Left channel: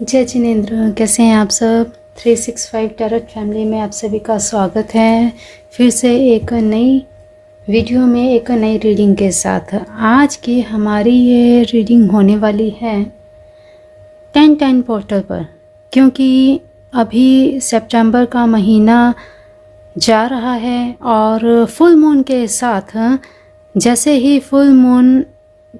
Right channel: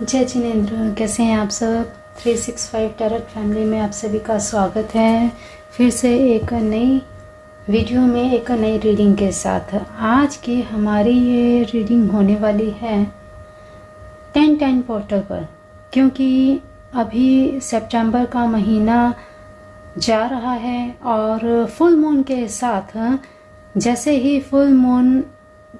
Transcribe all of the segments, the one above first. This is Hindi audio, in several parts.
जय जिनेंद्र, कैसे हैं आप सब। 365 टैरोट फैमिली में आप सभी का स्वागत है। फिर से एक नई वीडियो में एक नई रीडिंग के साथ। आज की हमारी ये रीडिंग होने वाली है 10-10 पोर्टल पर, क्योंकि अभी सितंबर का महीना जा रहा है और फुल मून के साथ जैसे ही फुल मून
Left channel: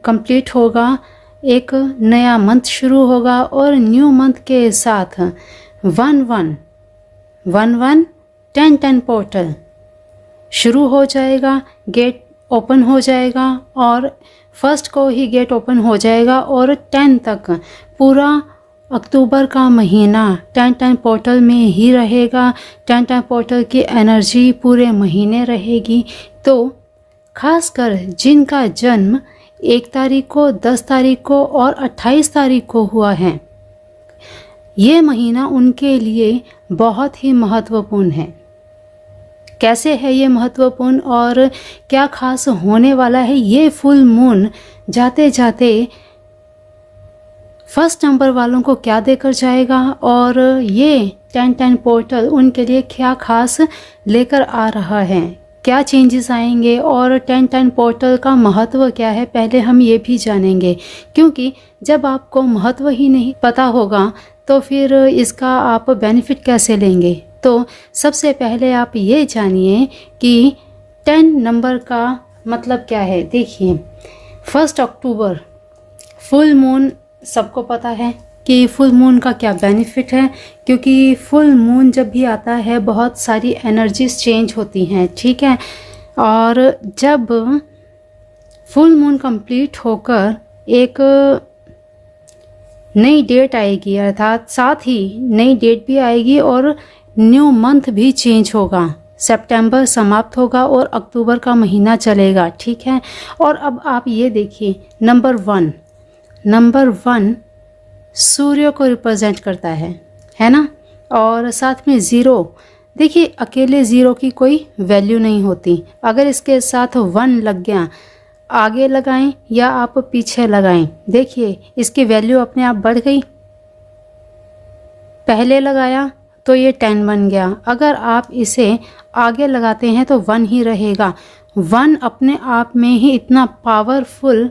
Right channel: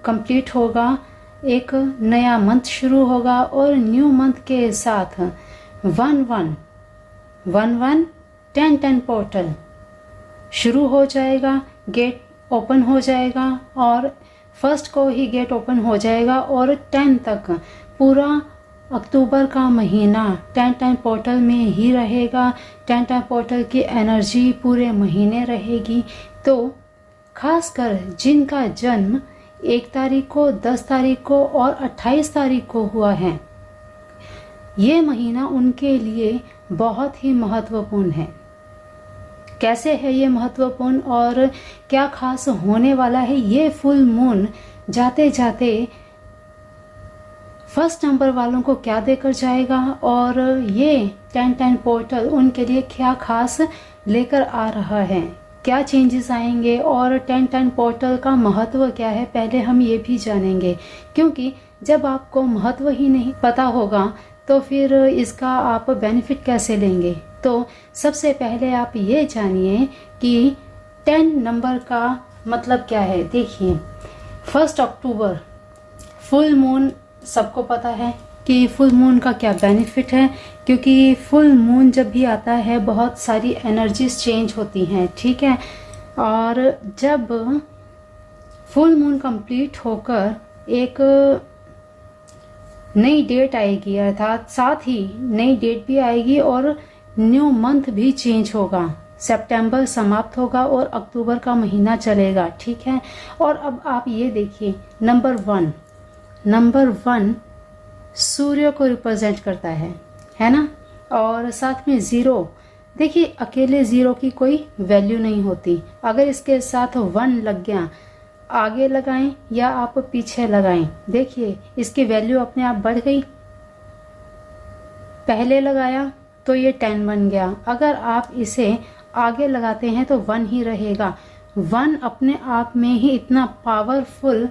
कंप्लीट होगा एक नया मंथ शुरू होगा और न्यू मंथ के साथ 11-11-10-10 पोर्टल शुरू हो जाएगा। गेट ओपन हो जाएगा और फर्स्ट को ही गेट ओपन हो जाएगा और 10 तक पूरा अक्टूबर का महीना 10-10 पोर्टल में ही रहेगा। 10-10 पोर्टल की एनर्जी पूरे महीने रहेगी। तो खासकर जिनका जन्म 1 तारीख को, 10 तारीख को और 28 तारीख को हुआ है, ये महीना उनके लिए बहुत ही महत्वपूर्ण है। कैसे है ये महत्वपूर्ण और क्या खास होने वाला है, ये फुल मून जाते जाते फर्स्ट नंबर वालों को क्या देकर जाएगा और ये 10-10 पोर्टल उनके लिए क्या खास लेकर आ रहा है, क्या चेंजेस आएंगे और 10-10 पोर्टल का महत्व क्या है, पहले हम ये भी जानेंगे। क्योंकि जब आपको महत्व ही नहीं पता होगा तो फिर इसका आप बेनिफिट कैसे लेंगे। तो सबसे पहले आप ये जानिए कि 10 नंबर का मतलब क्या है। देखिए, 1 अक्टूबर फुल मून, सबको पता है कि फुल मून का क्या बेनिफिट है, क्योंकि फुल मून जब भी आता है बहुत सारी एनर्जीज चेंज होती हैं, ठीक है। और जब फुल मून कंप्लीट होकर एक नई डेट आएगी, अर्थात साथ ही नई डेट भी आएगी और न्यू मंथ भी चेंज होगा। सितंबर समाप्त होगा और अक्टूबर का महीना चलेगा, ठीक है। और अब आप ये देखिए, नंबर वन सूर्य को रिप्रेजेंट करता है ना। और साथ में ज़ीरो, देखिए अकेले ज़ीरो की कोई वैल्यू नहीं होती। अगर इसके साथ 1 लग गया, आगे लगाएं या आप पीछे लगाएं, देखिए इसकी वैल्यू अपने आप बढ़ गई। पहले लगाया तो ये 10 बन गया, अगर आप इसे आगे लगाते हैं तो 1 ही रहेगा। 1 अपने आप में ही इतना पावरफुल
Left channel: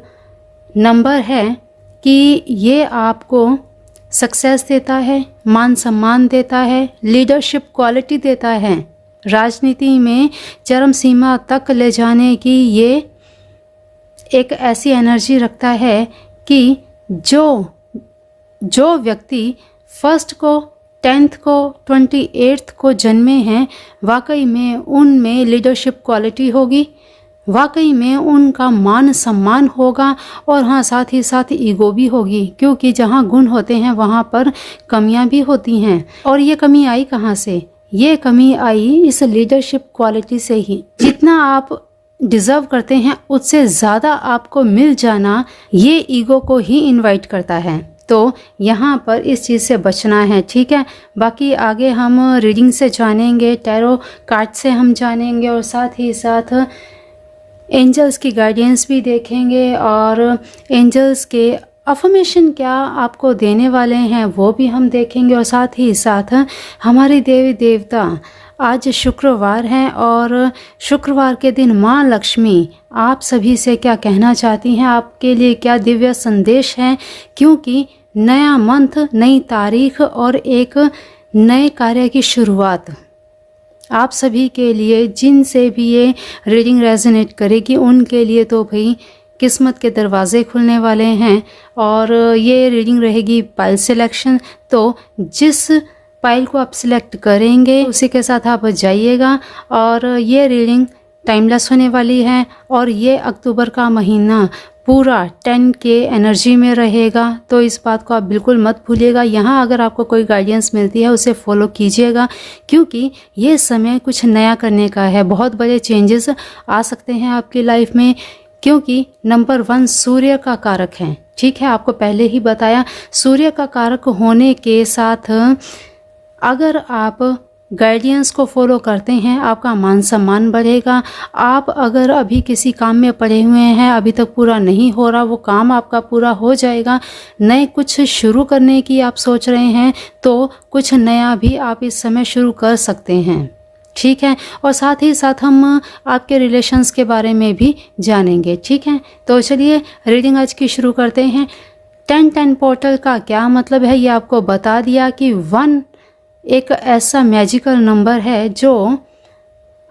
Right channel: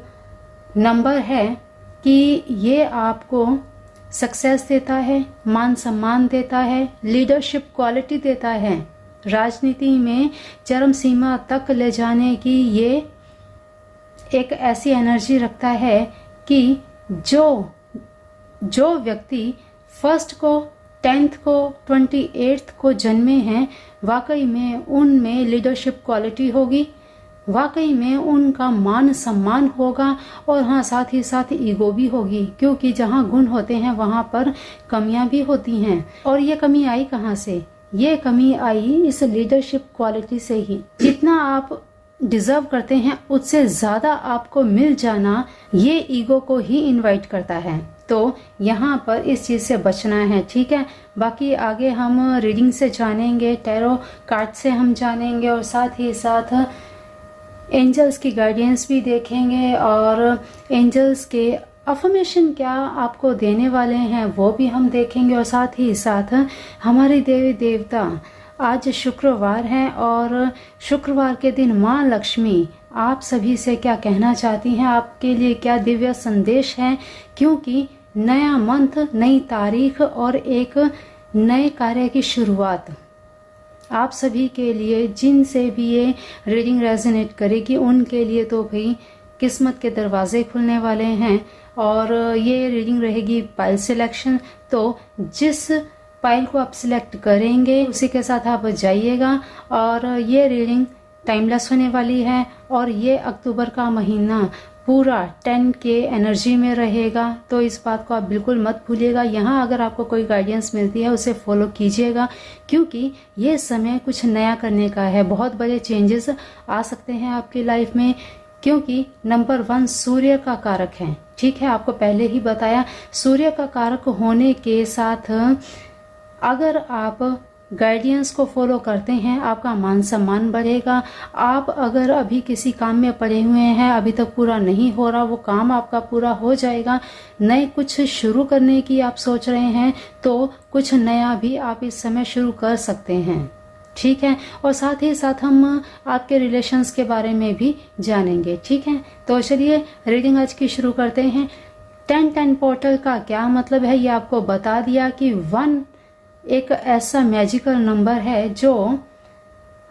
नंबर है कि ये आपको सक्सेस देता है, मान सम्मान देता है, लीडरशिप क्वालिटी देता है, राजनीति में चरम सीमा तक ले जाने की ये एक ऐसी एनर्जी रखता है कि जो व्यक्ति 1 को, 10th को, 28th को जन्मे हैं, वाकई में उनमें लीडरशिप क्वालिटी होगी, वाकई में उनका मान सम्मान होगा और हाँ, साथ ही साथ ईगो भी होगी, क्योंकि जहाँ गुण होते हैं वहाँ पर कमियाँ भी होती हैं। और ये कमी आई कहाँ से? ये कमी आई इस लीडरशिप क्वालिटी से ही। जितना आप डिज़र्व करते हैं उससे ज़्यादा आपको मिल जाना ये ईगो को ही इनवाइट करता है। तो यहाँ पर इस चीज़ से बचना है, ठीक है। बाकी आगे हम रीडिंग से जानेंगे, टैरो कार्ड से हम जानेंगे और साथ ही साथ एंजल्स की गाइडेंस भी देखेंगे और एंजल्स के अफर्मेशन क्या आपको देने वाले हैं वो भी हम देखेंगे। और साथ ही साथ हमारे देवी देवता, आज शुक्रवार है और शुक्रवार के दिन माँ लक्ष्मी आप सभी से क्या कहना चाहती हैं, आपके लिए क्या दिव्य संदेश है। क्योंकि नया मंथ, नई तारीख और एक नए कार्य की शुरुआत आप सभी के लिए, जिनसे भी ये रीडिंग रेजोनेट करेगी उनके लिए तो भाई किस्मत के दरवाजे खुलने वाले हैं। और ये रीडिंग रहेगी पाइल सिलेक्शन, तो जिस पाइल को आप सिलेक्ट करेंगे उसी के साथ आप जाइएगा। और ये रीडिंग टाइमलेस होने वाली है और ये अक्टूबर का महीना पूरा 10 के एनर्जी में रहेगा, तो इस बात को आप बिल्कुल मत भूलिएगा। यहाँ अगर आपको कोई गाइडेंस मिलती है उसे फॉलो कीजिएगा, क्योंकि ये समय कुछ नया करने का है। बहुत बड़े चेंजेस आ सकते हैं आपकी लाइफ में, क्योंकि नंबर 1 सूर्य का कारक है, ठीक है। आपको पहले ही बताया, सूर्य का कारक होने के साथ अगर आप गाइडेंस को फॉलो करते हैं आपका मान सम्मान बढ़ेगा। आप अगर अभी किसी काम में पड़े हुए हैं, अभी तक पूरा नहीं हो रहा, वो काम आपका पूरा हो जाएगा। नए कुछ शुरू करने की आप सोच रहे हैं तो कुछ नया भी आप इस समय शुरू कर सकते हैं, ठीक है। और साथ ही साथ हम आपके रिलेशंस के बारे में भी जानेंगे, ठीक है। तो चलिए रीडिंग आज की शुरू करते हैं। 10-10 पोर्टल का क्या मतलब है ये आपको बता दिया कि 1 एक ऐसा मैजिकल नंबर है जो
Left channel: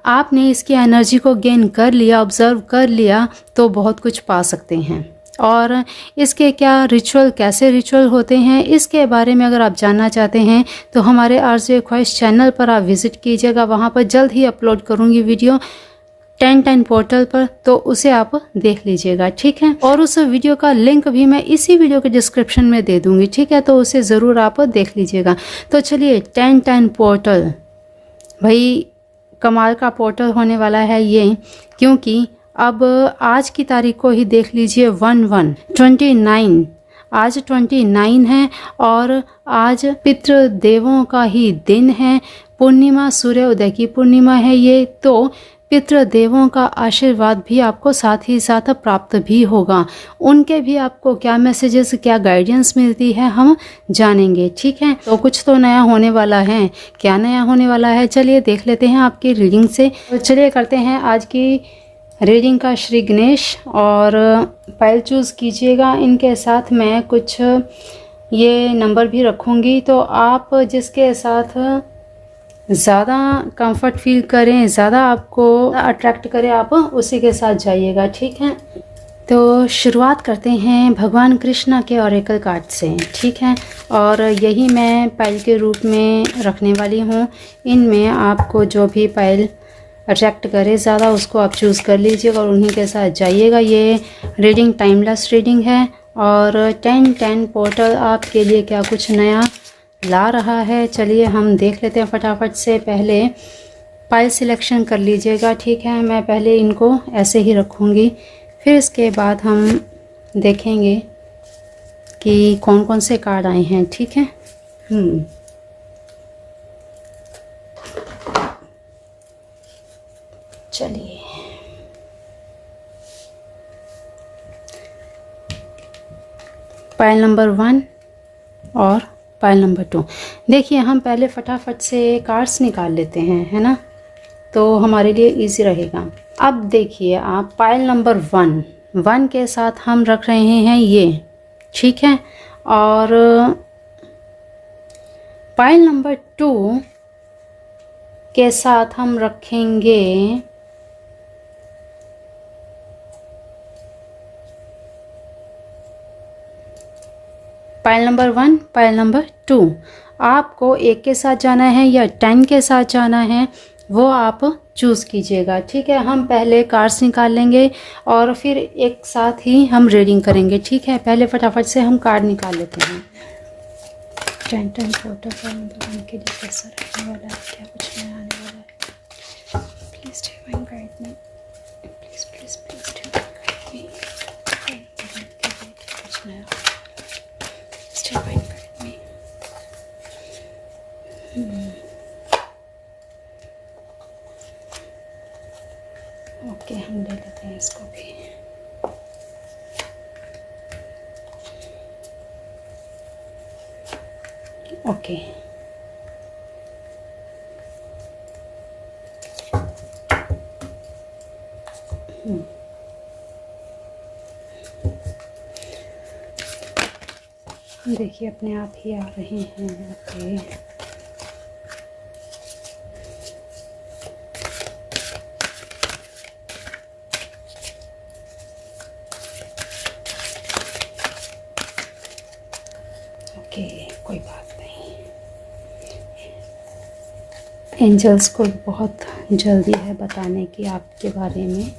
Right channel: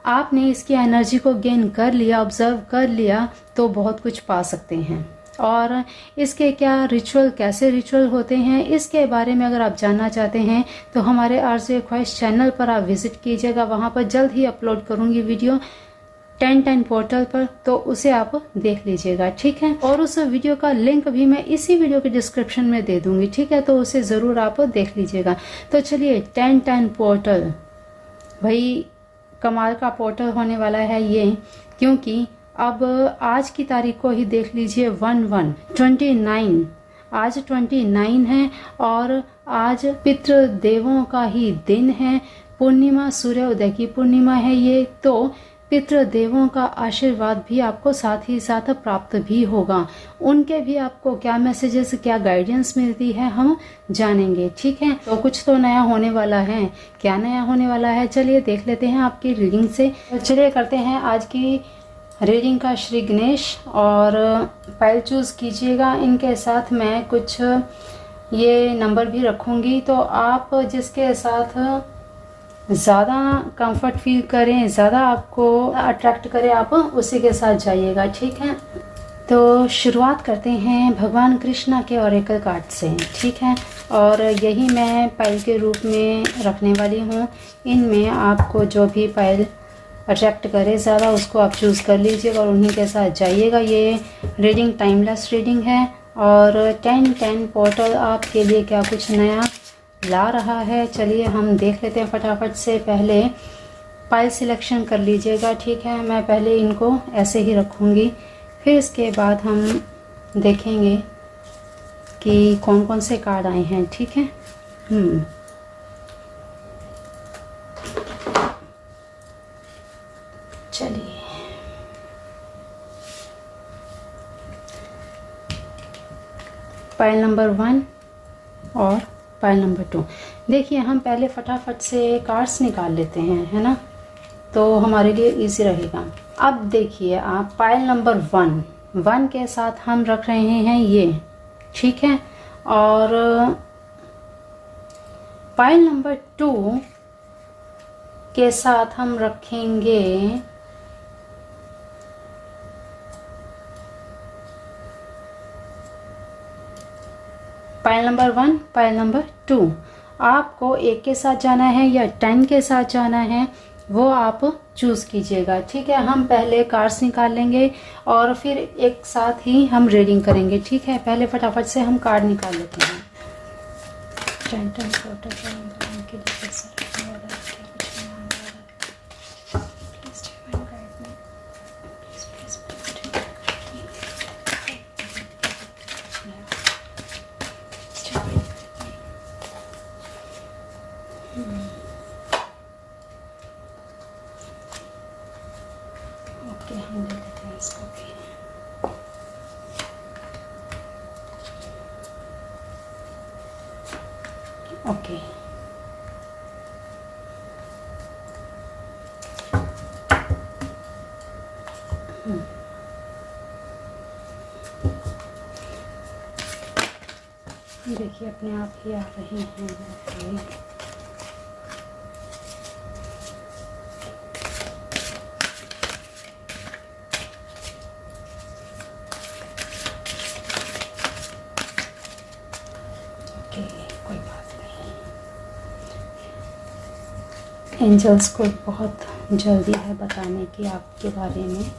आपने इसकी एनर्जी को गेन कर लिया, ऑब्जर्व कर लिया तो बहुत कुछ पा सकते हैं। और इसके क्या रिचुअल, कैसे रिचुअल होते हैं, इसके बारे में अगर आप जानना चाहते हैं तो हमारे आरजे ख्वाहिश चैनल पर आप विज़िट कीजिएगा। वहाँ पर जल्द ही अपलोड करूँगी वीडियो 10-10 पोर्टल पर, तो उसे आप देख लीजिएगा, ठीक है। और उस वीडियो का लिंक भी मैं इसी वीडियो के डिस्क्रिप्शन में दे दूँगी, ठीक है। तो उसे ज़रूर आप देख लीजिएगा। तो चलिए 10-10 पोर्टल, भाई कमाल का पोर्टल होने वाला है ये, क्योंकि अब आज की तारीख को ही देख लीजिए 1/1/29, आज 29 है और आज पितृदेवों का ही दिन है। पूर्णिमा, सूर्योदय की पूर्णिमा है ये, तो पितृदेवों का आशीर्वाद भी आपको साथ ही साथ प्राप्त भी होगा। उनके भी आपको क्या मैसेजेस, क्या गाइडेंस मिलती है हम जानेंगे, ठीक है। तो कुछ तो नया होने वाला है, क्या नया होने वाला है चलिए देख लेते हैं आपकी रीडिंग से। तो चलिए करते हैं आज की रीडिंग का श्री गणेश, और फाइल चूज़ कीजिएगा। इनके साथ मैं कुछ ये नंबर भी रखूँगी, तो आप जिसके साथ ज़्यादा कंफर्ट फील करें, ज़्यादा आपको अट्रैक्ट करें, आप उसी के साथ जाइएगा, ठीक है। तो शुरुआत करते हैं भगवान कृष्णा के ऑरेकल कार्ड से, ठीक है। और यही मैं पाइल के रूप में रखने वाली हूँ। इनमें आपको जो भी पाइल अट्रैक्ट करे ज़्यादा, उसको आप चूज़ कर लीजिएगा और उन्हीं के साथ जाइएगा। ये रीडिंग टाइमलेस रीडिंग है और 10-10 पोर्टल आपके लिए क्या कुछ नया ला रहा है, चलिए हम देख लेते हैं फटाफट से। पहले पाइल सिलेक्शन कर लीजिएगा, ठीक है। मैं पहले इनको ऐसे ही रखूँगी, फिर इसके बाद हम देखेंगे कि कौन कौन से कार्ड आए हैं, ठीक है। चलिए पाइल नंबर 1 और पाइल नंबर 2। देखिए हम पहले फटाफट से कार्ड्स निकाल लेते हैं, है ना, तो हमारे लिए इजी रहेगा। अब देखिए आप पाइल नंबर 1 के साथ हम रख रहे हैं ये, ठीक है। और पाइल नंबर 2 के साथ हम रखेंगे पाइल नंबर 1, पाइल नंबर 2। आपको 1 के साथ जाना है या 10 के साथ जाना है वो आप चूज़ कीजिएगा, ठीक है। हम पहले कार्ड्स निकाल लेंगे और फिर एक साथ ही हम रीडिंग करेंगे, ठीक है। पहले फटाफट से हम कार्ड निकाल लेते हैं। 10-10 पोर्टल का मतलब उनके लिए कैसा रहने वाला है, क्या कुछ नया आने वाला है। Please divine guide me, please please please divine me, कुछ नया डिवाइन गाइड मी। ओके हम ले लेते हैं इसको भी। ओके देखिए अपने आप ही आ रही हैं। ओके कोई बात नहीं, एंजल्स को बहुत जल्दी है बताने की आपके बारे में।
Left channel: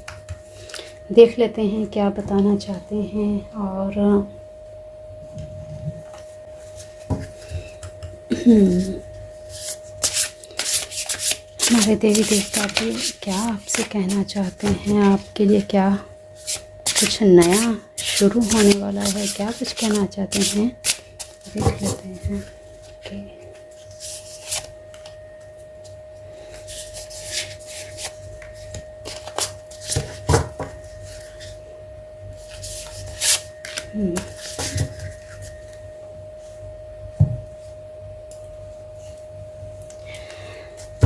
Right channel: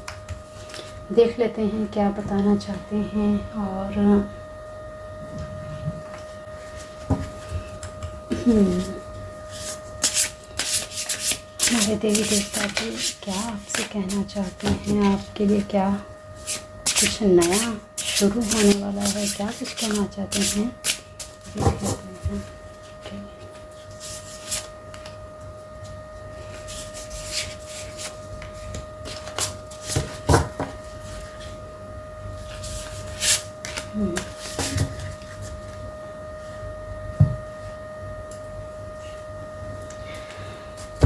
देख लेते हैं क्या बताना चाहते हैं। और हमारे देवी देवता भी क्या आपसे कहना चाहते हैं, आपके लिए क्या कुछ नया शुरू होने वाला है, क्या कुछ कहना चाहते हैं, देख लेते हैं। ओके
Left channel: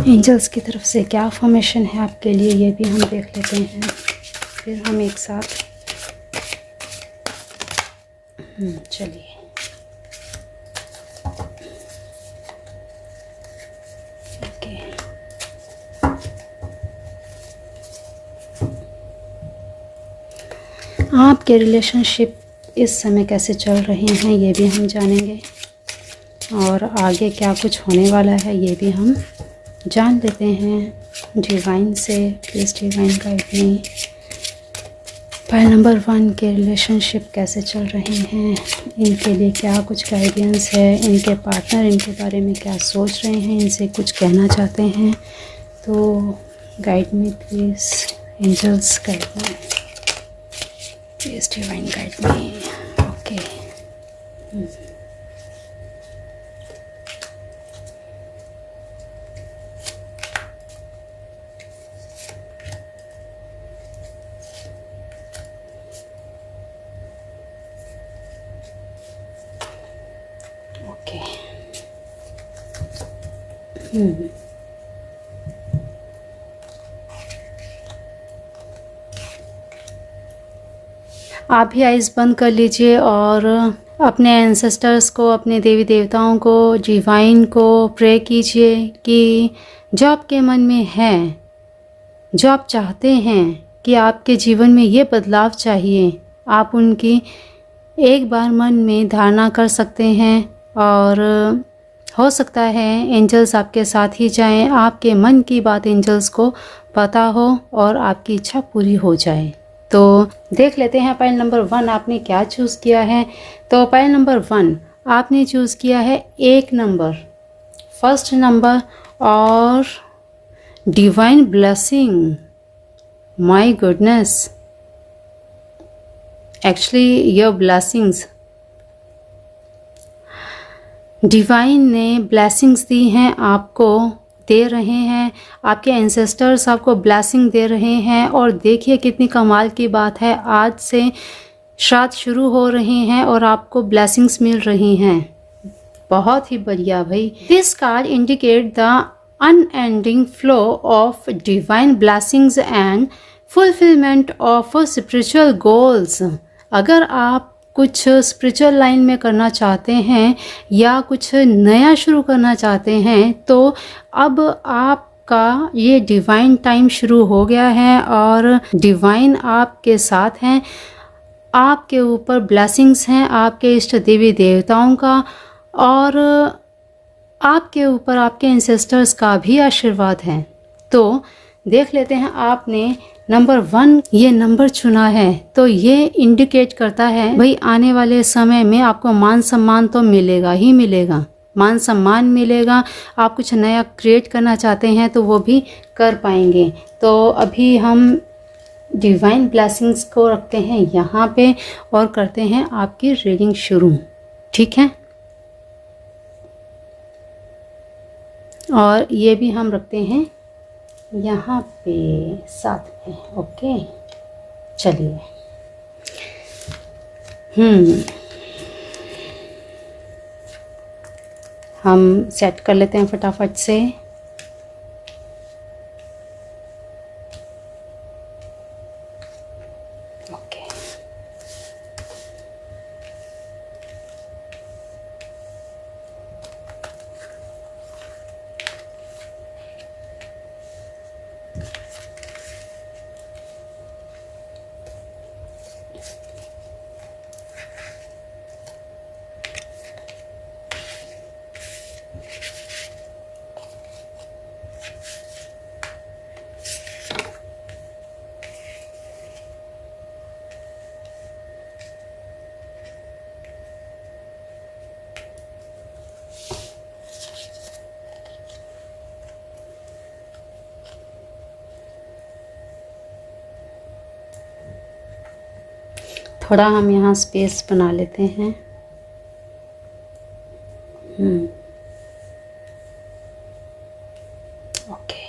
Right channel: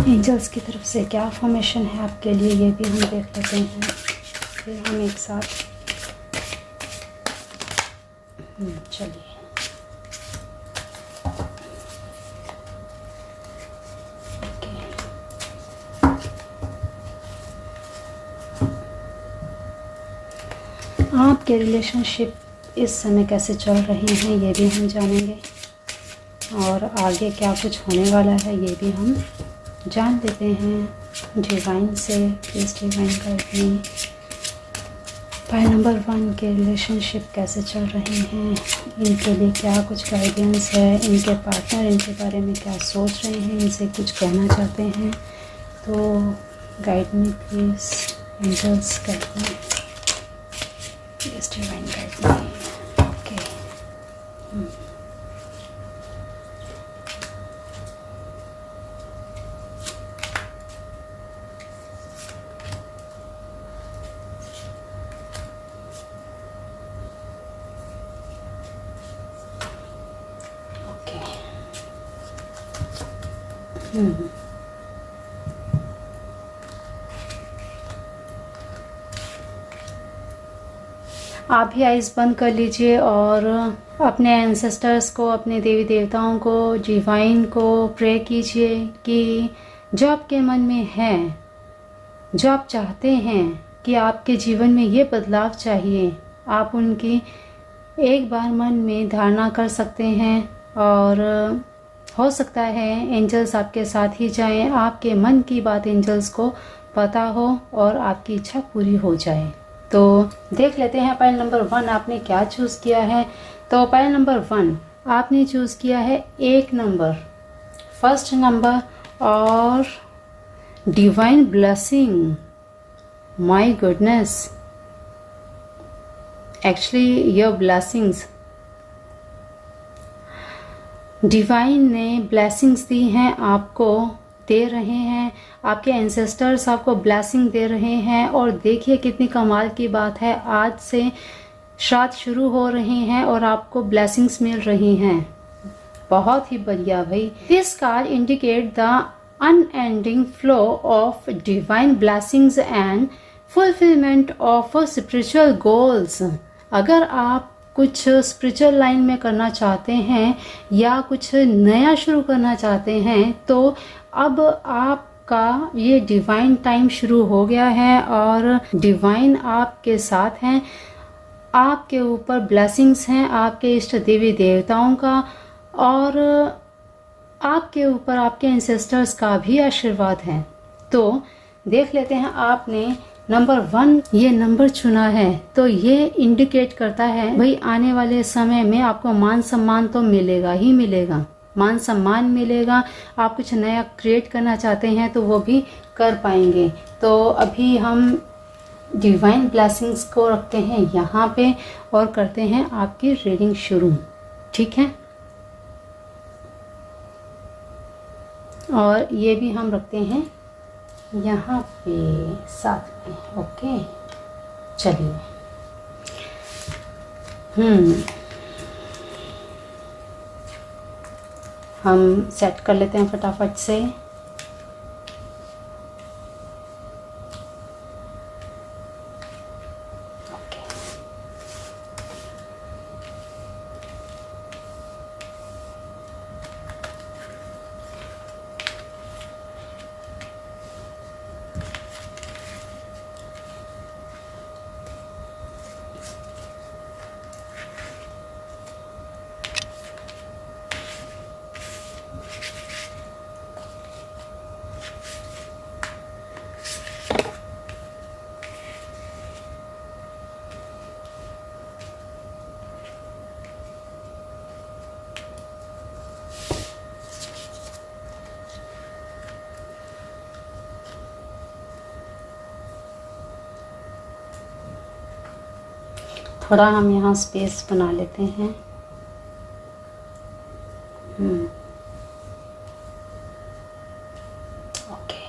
एंजल्स की तरफ से क्या फॉर्मेशन है आपके लिए, ये भी हम देख लेते हैं। फिर हम एक साथ चलिए। आपके रिलेशनशिप इस समय कैसे चल रहे हैं ये भी हम जानेंगे, और आगे क्या कुछ होने वाला है ये भी हम जान लेते हैं डिवाइन से। Please divine guide me. Pile number 1 के रिलेशनशिप कैसे चल रहे हैं, इनके लिए क्या कुछ गाइडेंस है, इनके पार्टनर इनके बारे में क्या सोच रहे हैं, इनसे कुछ कहना चाहते हैं, तो guide me please angels, guide me please divine guide me. Okay, आप भी आइज़ बंद कर लीजिए और अपने एंसेस्टर्स को, अपने देवी देवताओं को, डिवाइन को प्रे कीजिए कि जो आपके मन में है, जो आप चाहते हैं कि आपके जीवन में ये बदलाव चाहिए, आप उनकी एक बार मन में धारणा कर सकते हैं। और हो सकता है एंजल्स आपके साथ ही जाएं, आपके मन की बात एंजल्स को पता हो और आपकी इच्छा पूरी हो जाए। तो देख लेते हैं पाइल नंबर 1 आपने क्या चूज़ किया है। तो पाइल नंबर 1 आपने चूज़ किया है 1 नंबर, फर्स्ट नंबर, और divine blessing. My goodness, actually your blessings, divine ने ब्लेसिंग्स दी हैं, आपको दे रहे हैं, आपके एंसेस्टर्स आपको ब्लेसिंग दे रहे हैं। और देखिए कितनी कमाल की बात है, आज से श्राद्ध शुरू हो रहे हैं और आपको ब्लेसिंग्स मिल रही हैं। बहुत ही बढ़िया भाई। This card indicate the unending flow of divine blessings and fulfilment of spiritual goals. अगर आप कुछ स्पिरिचुअल लाइन में करना चाहते हैं या कुछ नया शुरू करना चाहते हैं, तो अब आपका ये डिवाइन टाइम शुरू हो गया है और डिवाइन आपके साथ हैं, आपके ऊपर ब्लेसिंग्स हैं आपके इष्ट देवी देवताओं का, और आपके ऊपर आपके एंसेस्टर्स का भी आशीर्वाद है। तो देख लेते हैं, आपने नंबर 1 ये नंबर चुना है, तो ये इंडिकेट करता है भाई आने वाले समय में आपको मान सम्मान तो मिलेगा ही मिलेगा, मान सम्मान मिलेगा। आप कुछ नया क्रिएट करना चाहते हैं तो वो भी कर पाएंगे। तो अभी हम डिवाइन ब्लेसिंग्स को रखते हैं यहाँ पे और करते हैं आपकी रीडिंग शुरू, ठीक है। और ये भी हम रखते हैं यहाँ पे साथ में, ओके। चलिए, हम सेट कर लेते हैं फटाफट से। थोड़ा हम यहाँ स्पेस बना लेते हैं। ओके,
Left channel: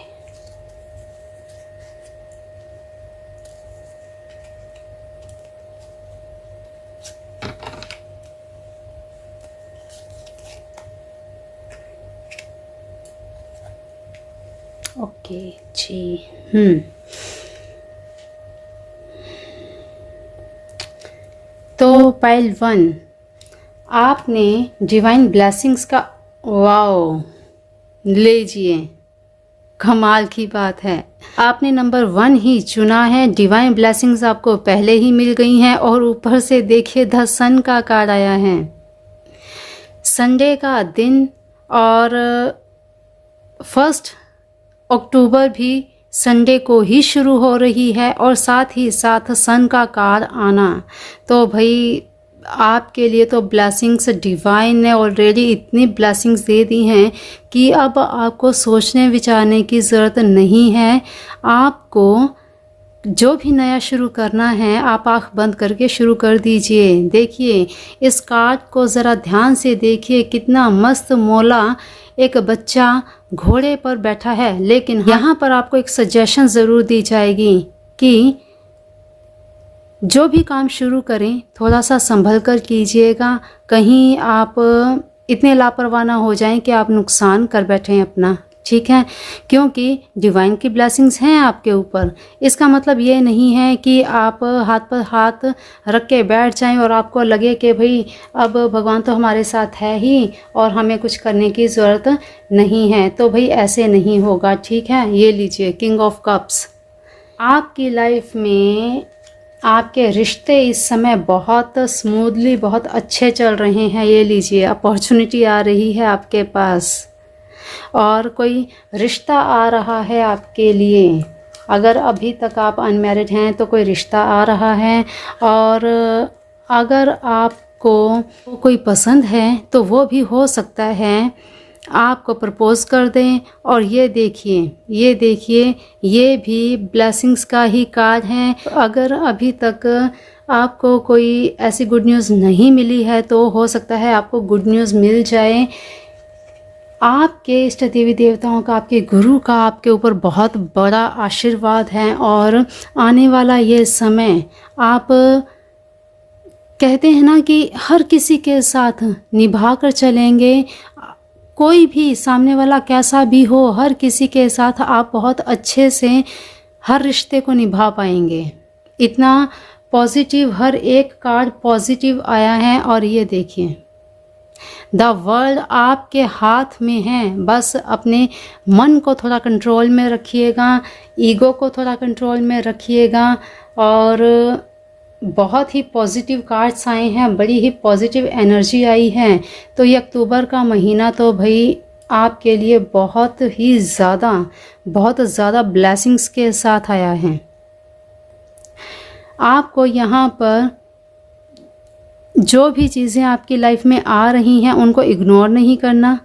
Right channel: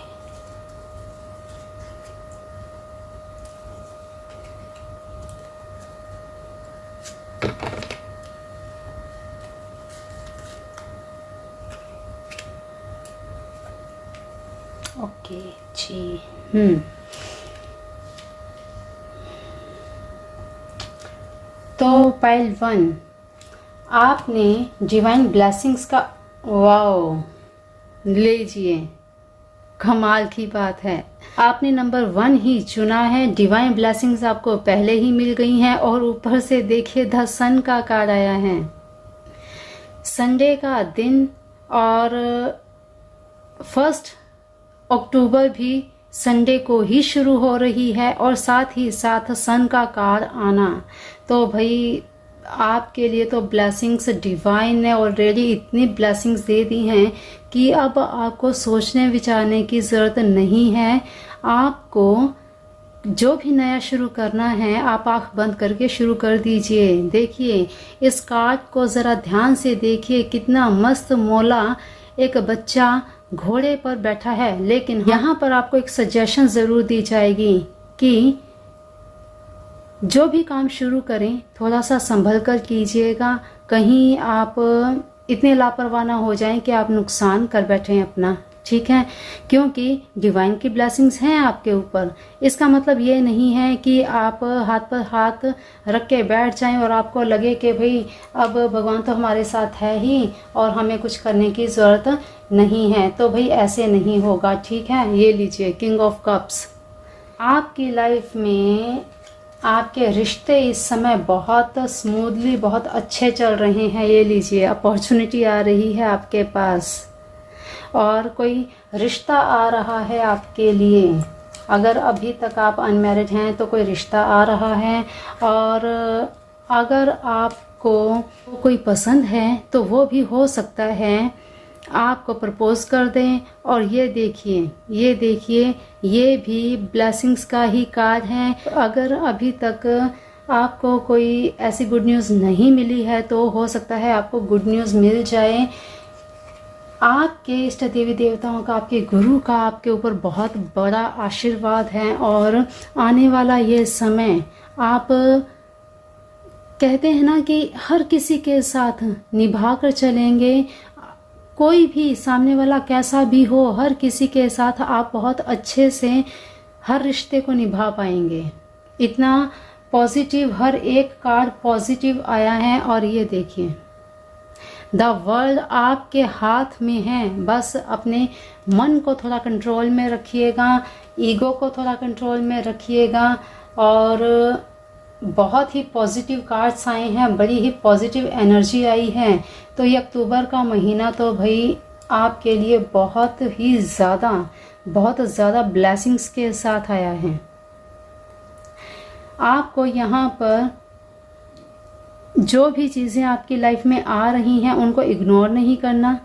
ओके जी। तो पाइल 1, आपने डिवाइन ब्लेसिंग्स का, वाओ, लीजिए, कमाल की बात है, आपने नंबर 1 ही चुना है। डिवाइन ब्लेसिंग्स आपको पहले ही मिल गई हैं और ऊपर से देखिए द सन का कार्ड आया है। संडे का दिन और 1 अक्टूबर भी संडे को ही शुरू हो रही है और साथ ही साथ सन का कार्ड आना, तो भाई आपके लिए तो ब्लेसिंग्स डिवाइन ने ऑलरेडी इतनी ब्लेसिंग्स दे दी हैं कि अब आपको सोचने विचारने की ज़रूरत नहीं है। आपको जो भी नया शुरू करना है आप आँख बंद करके शुरू कर दीजिए। देखिए इस कार्ड को ज़रा ध्यान से देखिए, कितना मस्त मौला एक बच्चा घोड़े पर बैठा है। लेकिन यहाँ पर आपको एक सजेशन ज़रूर दी जाएगी कि जो भी काम शुरू करें थोड़ा सा संभल कर कीजिएगा, कहीं आप इतने लापरवाह ना हो जाएं कि आप नुकसान कर बैठें अपना, ठीक है, क्योंकि डिवाइन की ब्लेसिंग्स हैं आपके ऊपर। इसका मतलब ये नहीं है कि आप हाथ पर हाथ रख के बैठ जाएं और आपको लगे कि भाई अब भगवान तो हमारे साथ है ही और हमें कुछ करने की ज़रूरत नहीं है, तो भाई ऐसे नहीं होगा, ठीक है। ये लीजिए किंग ऑफ कप्स, आपकी लाइफ में आपके रिश्ते इस समय बहुत स्मूथली, बहुत अच्छे चल रहे हैं। ये लीजिए अपॉर्चुनिटी आ रही है आपके पास और कोई रिश्ता आ रहा है आपके लिए। अगर अभी तक आप अनमैरिड हैं तो कोई रिश्ता आ रहा है, और अगर आपको कोई पसंद है तो वो भी हो सकता है आपको प्रपोज कर दें। और ये देखिए, ये देखिए, ये भी ब्लेसिंग्स का ही कार्ड है। अगर अभी तक आपको कोई ऐसी गुड न्यूज़ नहीं मिली है तो हो सकता है आपको गुड न्यूज़ मिल जाए। आपके इष्ट देवी देवताओं का, आपके गुरु का आपके ऊपर बहुत बड़ा आशीर्वाद है और आने वाला ये समय, आप कहते हैं ना कि हर किसी के साथ निभा कर चलेंगे। कोई भी सामने वाला कैसा भी हो, हर किसी के साथ आप बहुत अच्छे से हर रिश्ते को निभा पाएंगे। इतना पॉजिटिव, हर एक कार्ड पॉजिटिव आया है। और ये देखिए द वर्ल्ड आपके हाथ में है। बस अपने मन को थोड़ा कंट्रोल में रखिएगा, ईगो को थोड़ा कंट्रोल में रखिएगा। और बहुत ही पॉजिटिव कार्ड्स आए हैं, बड़ी ही पॉजिटिव एनर्जी आई है। तो ये अक्टूबर का महीना तो भाई आपके लिए बहुत ज़्यादा ब्लेसिंग्स के साथ आया है। आपको यहाँ पर जो भी चीज़ें आपकी लाइफ में आ रही हैं उनको इग्नोर नहीं करना।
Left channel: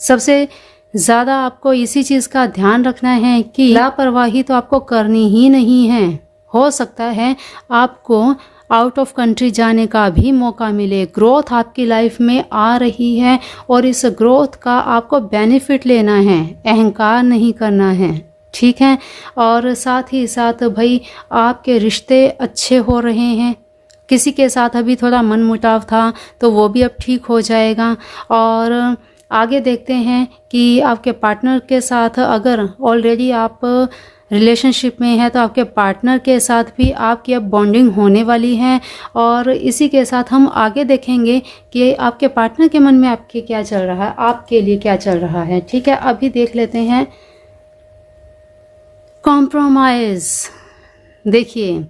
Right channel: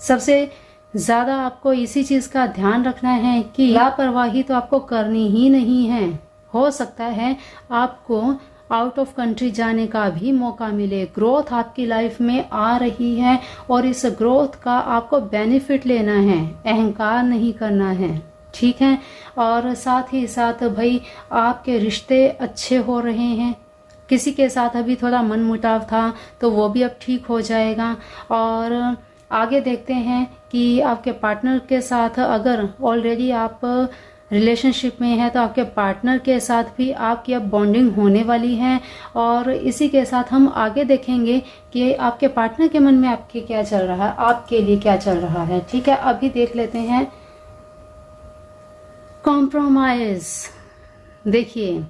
सबसे ज़्यादा आपको इसी चीज़ का ध्यान रखना है कि लापरवाही तो आपको करनी ही नहीं है। हो सकता है आपको आउट ऑफ कंट्री जाने का भी मौका मिले। ग्रोथ आपकी लाइफ में आ रही है और इस ग्रोथ का आपको बेनिफिट लेना है, अहंकार नहीं करना है, ठीक है। और साथ ही साथ भाई आपके रिश्ते अच्छे हो रहे हैं। किसी के साथ अभी थोड़ा मनमुटाव था तो वो भी अब ठीक हो जाएगा। और आगे देखते हैं कि आपके पार्टनर के साथ, अगर ऑलरेडी आप रिलेशनशिप में है तो आपके पार्टनर के साथ भी आपकी अब बॉन्डिंग होने वाली है। और इसी के साथ हम आगे देखेंगे कि आपके पार्टनर के मन में आपके क्या चल रहा है, आपके लिए क्या चल रहा है, ठीक है। अभी देख लेते हैं कॉम्प्रोमाइज़। देखिए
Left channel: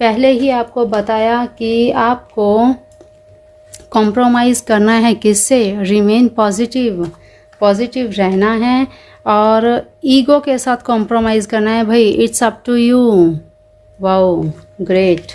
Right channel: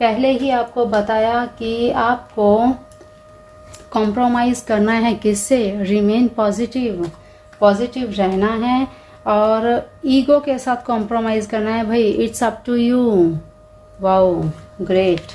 पहले ही आपको बताया कि आपको कॉम्प्रोमाइज़ करना है किससे, रिमेन पॉजिटिव रहना है और ईगो के साथ कॉम्प्रोमाइज़ करना है भाई। It's up to you. Wow great.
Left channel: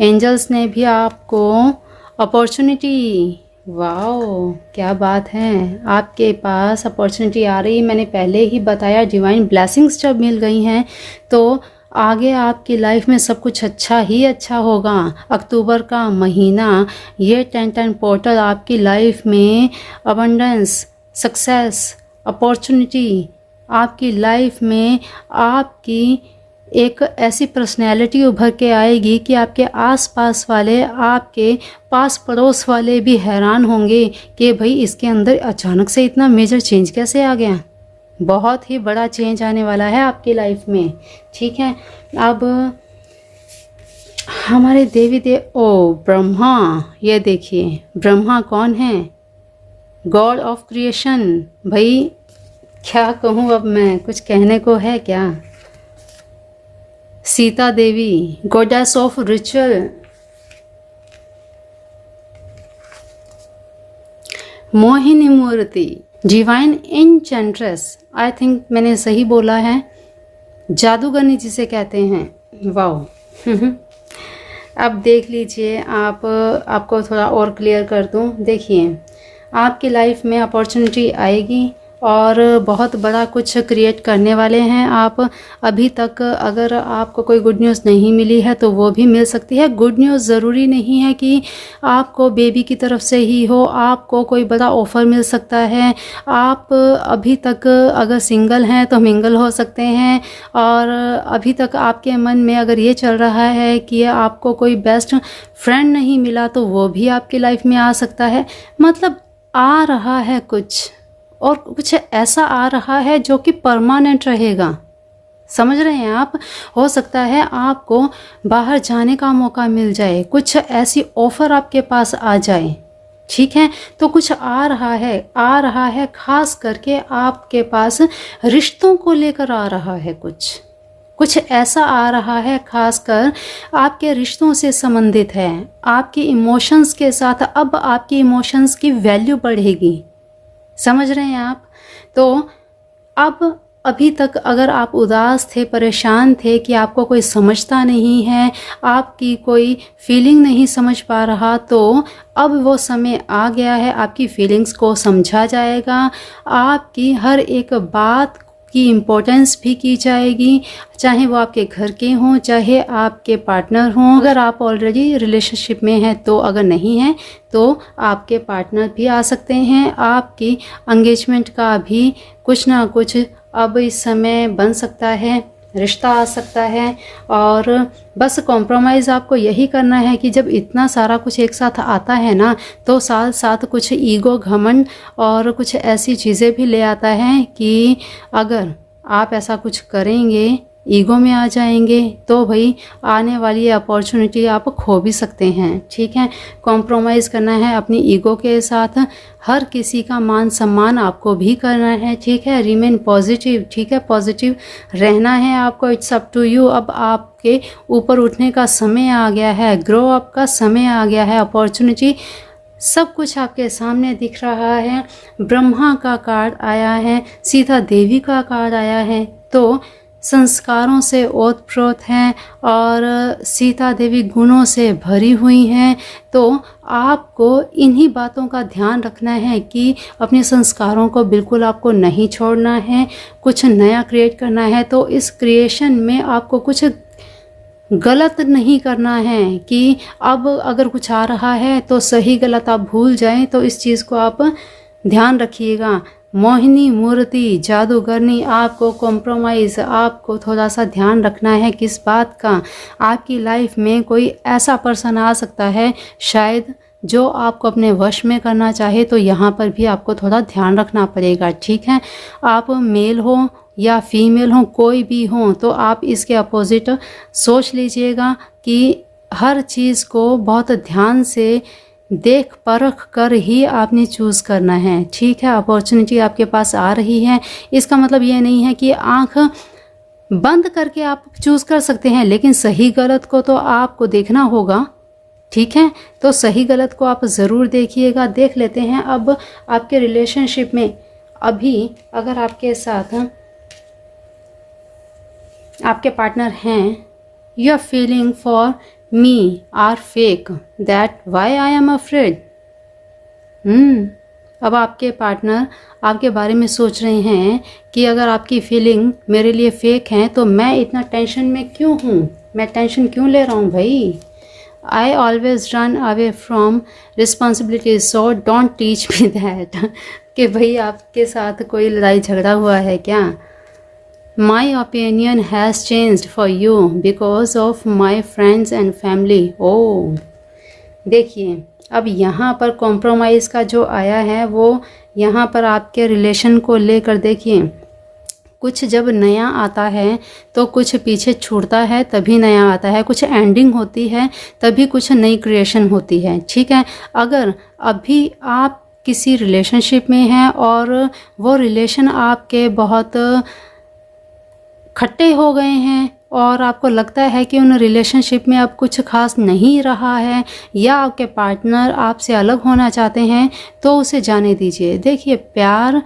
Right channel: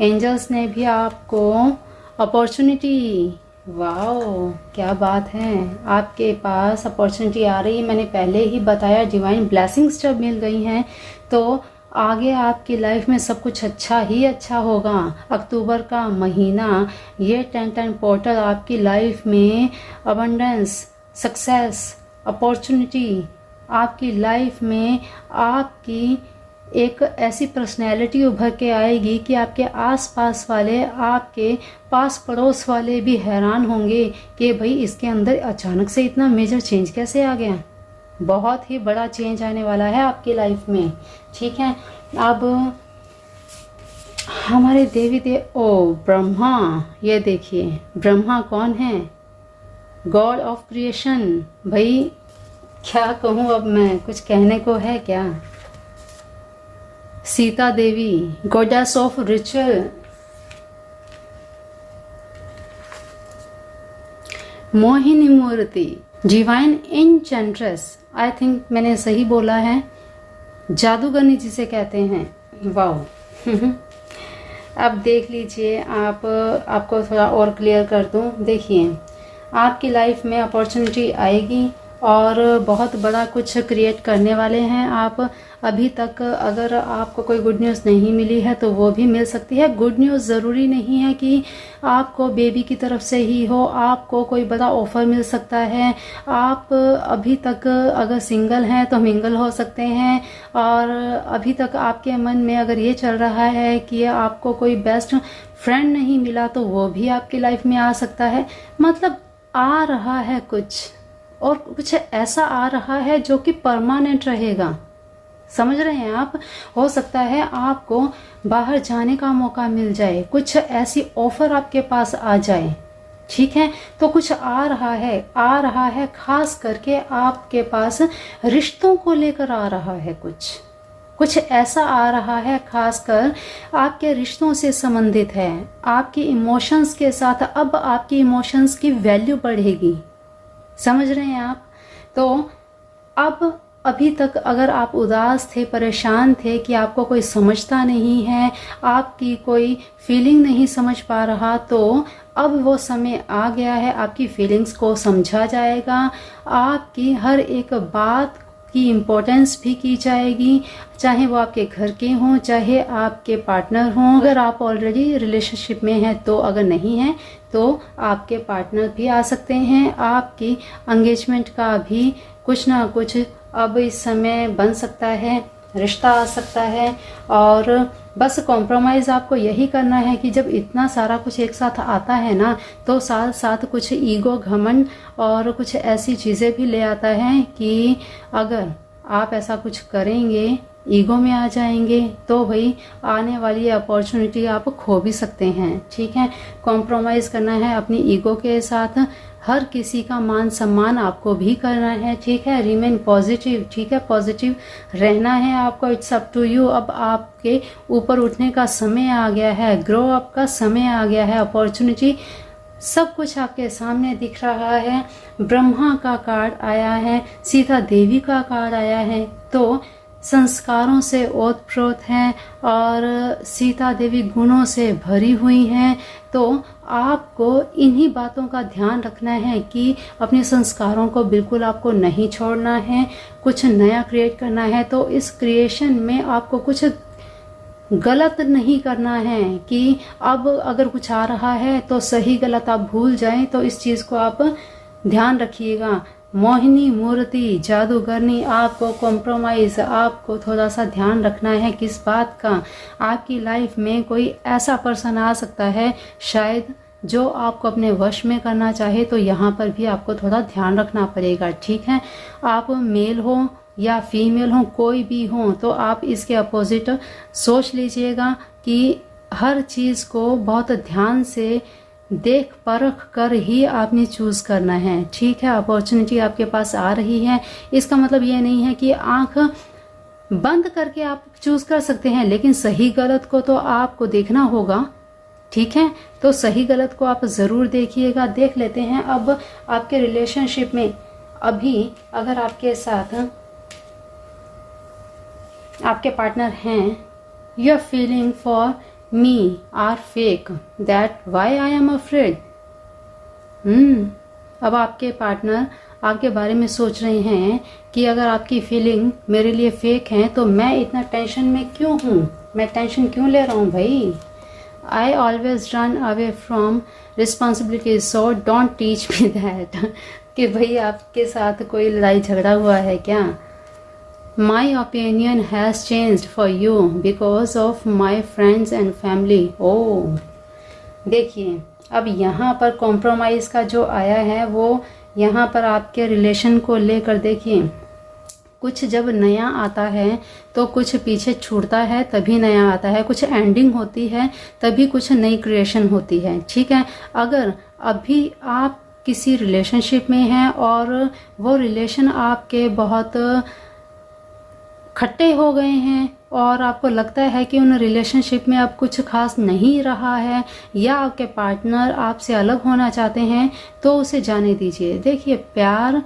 Angels ने भी आपको अपॉर्चुनिटी, वाओ क्या बात है, आपके पास अपॉर्चुनिटी आ रही है। मैंने पहले ही बताया डिवाइन ब्लेसिंग्स जब मिल गई हैं तो आगे आपकी लाइफ में सब कुछ अच्छा ही अच्छा होगा। अक्टूबर का महीना, ये 10 पोर्टल आपकी लाइफ में अबंडेंस, सक्सेस, अपॉर्चुनिटी, आपकी लाइफ में आपकी एक ऐसी पर्सनैलिटी उभर के आएगी कि आपके आसपास वाले, आपके पास पड़ोस वाले भी हैरान होंगे कि भाई इसके अंदर अचानक से इतना मेजर चेंज कैसे आ गया। बहुत ही बड़ा चेंज आने वाला है आपकी लाइफ में, ठीक है। अब हमारे देवी देव, ओ ब्रह्मा, ये देखिए ब्रह्मा कौन है? God of creation. भाई क्या कहूँ, अब मैं कुछ कहने को है क्या? Sita Devi, goddess of ritual. Mohini मूर्ति, डिवाइन एन्चेंट्रेस, आई थिंक मैंने सही बोला है, जादूगरनी जिसे कहते हैं। वाओ अब देख लीजिए, आपको थोड़ा और क्लियर कर दूं। देखिए आपकी लाइफ में अपॉर्चुनिटी आएगी और बहुत बड़ा कुछ क्रिएट करने वाले हैं आप। अभी तक अगर आपको कोई गुड न्यूज़ नहीं मिली है तो वो भी मिल सकती है। गुड न्यूज़ ज़रूरी नहीं है कि आपको बेबी की तरफ से ही हो, आपको कोई बड़ा ऑफ़र मिल सकता है। आप अभी तक अगर सिंगल हैं तो मिंगल हो सकते हैं, और अभी तक आपके मन में अगर ये चल रहा है कि आपको कोई बेस्ट फ्रेंड नहीं मिला तो वो भी आपकी लाइफ में आ सकता है। मतलब आ रहा है कुछ, और कुछ ऐसा आ रहा है जो कि परमानेंट रहेगा। समझ रहे हैं आप? हो सकता है आपको बाहर जाने का मौका मिल जाए, कुछ ऐसी ऑफ़र आपके पास आ जाए, ठीक है। तो कुछ आ रहा है खास करके आपके पास रिश्तों को लेकर आ रहा है। कुछ ऐसा आ रहा है खासकर आपके रिश्तों से संबंधित है। आपके इमोशंस के साथ अब आपकी इमोशंस की वैल्यू बढ़ेगी। समझ रहे हैं आप? तो अब अभी तक अगर आप उदास थे, परेशान थे कि आपको कोई समझता नहीं है, आपकी कोई फीलिंग नहीं समझ पा रहा, तो अब वो समय आ गया है, आपकी फीलिंग्स को समझा जाएगा। आपकी हर एक बात की इम्पोर्टेंस भी की जाएगी, चाहे वो आपके घर के हों, चाहे आपके पार्टनर हों। अगर आप ऑलरेडी रिलेशनशिप में हैं तो, अगर नहीं हैं तो आपके पार्टनर भी आ सकते हैं। आपकी एंगेजमेंट का भी कुछ ना कुछ अब इस समय बन सकता है, रिश्ता आ सकता है। और बस कॉम्प्रोमाइज़ आपको यही करना है कि जब इतना सारा कुछ एक साथ आता है ना, तो साथ साथ कुछ ईगो, घमंड और कुछ ऐसी चीज़ें भी ले आता है कि अगर आप ऐसा कुछ करेंगे, ईगो में आ जाएंगे, तो भाई आने वाली अपॉर्चुनिटी आप खो भी सकते हैं, ठीक है। कॉम्प्रोमाइज़ करना है अपनी ईगो के साथ, हर किसी का मान सम्मान आपको भी करना है, ठीक है। रिमेन पॉजिटिव, ठीक है, पॉजिटिव रहना है आपको। It's up to you. अब आपके ऊपर उठने का समय आ गया है, ग्रो अप का समय आ गया है। अपॉर्चुनिटी सब कुछ आपके सामने दिख रहा है। ब्रह्मा का कार्ड आया है, सीता देवी का कार्ड आया है, तो संस्कारों से ओतप्रोत हैं और सीता देवी गुणों से भरी हुई हैं। तो आपको इन्हीं बातों का ध्यान रखना है कि अपने संस्कारों को बिल्कुल आपको नहीं छोड़ना है, कुछ नया क्रिएट करना है। तो इस क्रिएशन में आपको कुछ गलत नहीं करना है कि अब अगर कुछ आ रहा है तो सही गलत आप भूल जाएं। तो इस चीज़ को आप ध्यान रखिएगा। मोहिनी मूर्ति, जादूगरनी, आपको कॉम्प्रोमाइज़, आपको थोड़ा सा ध्यान रखना है किस बात का। आपकी लाइफ में कोई ऐसा पर्सन आ सकता है शायद जो आपको अपने वश में करना चाहे, तो यहाँ पर भी आपको थोड़ा ध्यान रखना पड़ेगा, ठीक है। आप मेल हो या फीमेल हो, कोई भी हो, तो आप इसके अपोजिट सोच लीजिएगा कि हर चीज़ को बहुत ध्यान से देख परख कर ही आपने चूज़ करना है, ठीक है। अपॉर्चुनिटी आपके पास आ रही है, इसका मतलब ये नहीं है कि आंख बंद करके आप चूज़ कर सकते हैं, लेकिन सही गलत को तो आपको देखना होगा, ठीक है। तो सही गलत को आप ज़रूर देखिएगा। देख लेते हैं अब आपके रिलेशनशिप में अभी अगर आपके साथ आपके पार्टनर हैं, your feeling for me are fake, that why I am afraid. अब आपके पार्टनर आपके बारे में सोच रहे हैं कि अगर आपकी फीलिंग मेरे लिए फेक हैं तो मैं इतना टेंशन में क्यों हूँ, मैं टेंशन क्यों ले रहा हूँ भाई। I always run away from responsibilities, so don't teach me that. कि भाई आपके साथ कोई लड़ाई झगड़ा हुआ है क्या। My opinion has changed for you because of my friends and family. Oh, देखिए अब यहाँ पर कॉम्प्रोमाइज़ का जो आया है वो यहाँ पर आपके रिलेशन को लेकर देखिए कुछ जब नया आता है तो कुछ पीछे छूटता है, तभी नया आता है। कुछ एंडिंग होती है तभी कुछ नई क्रिएशन होती है, ठीक है। अगर अभी आप किसी रिलेशनशिप में हैं और वो रिलेशन आपके बहुत खट्टे हो गए हैं और आपको लगता है कि उन रिलेशनशिप में अब कुछ खास नहीं रहा है, या आपके पार्टनर आपसे अलग होना चाहते हैं, तो उसे जाने दीजिए। देखिए, प्यार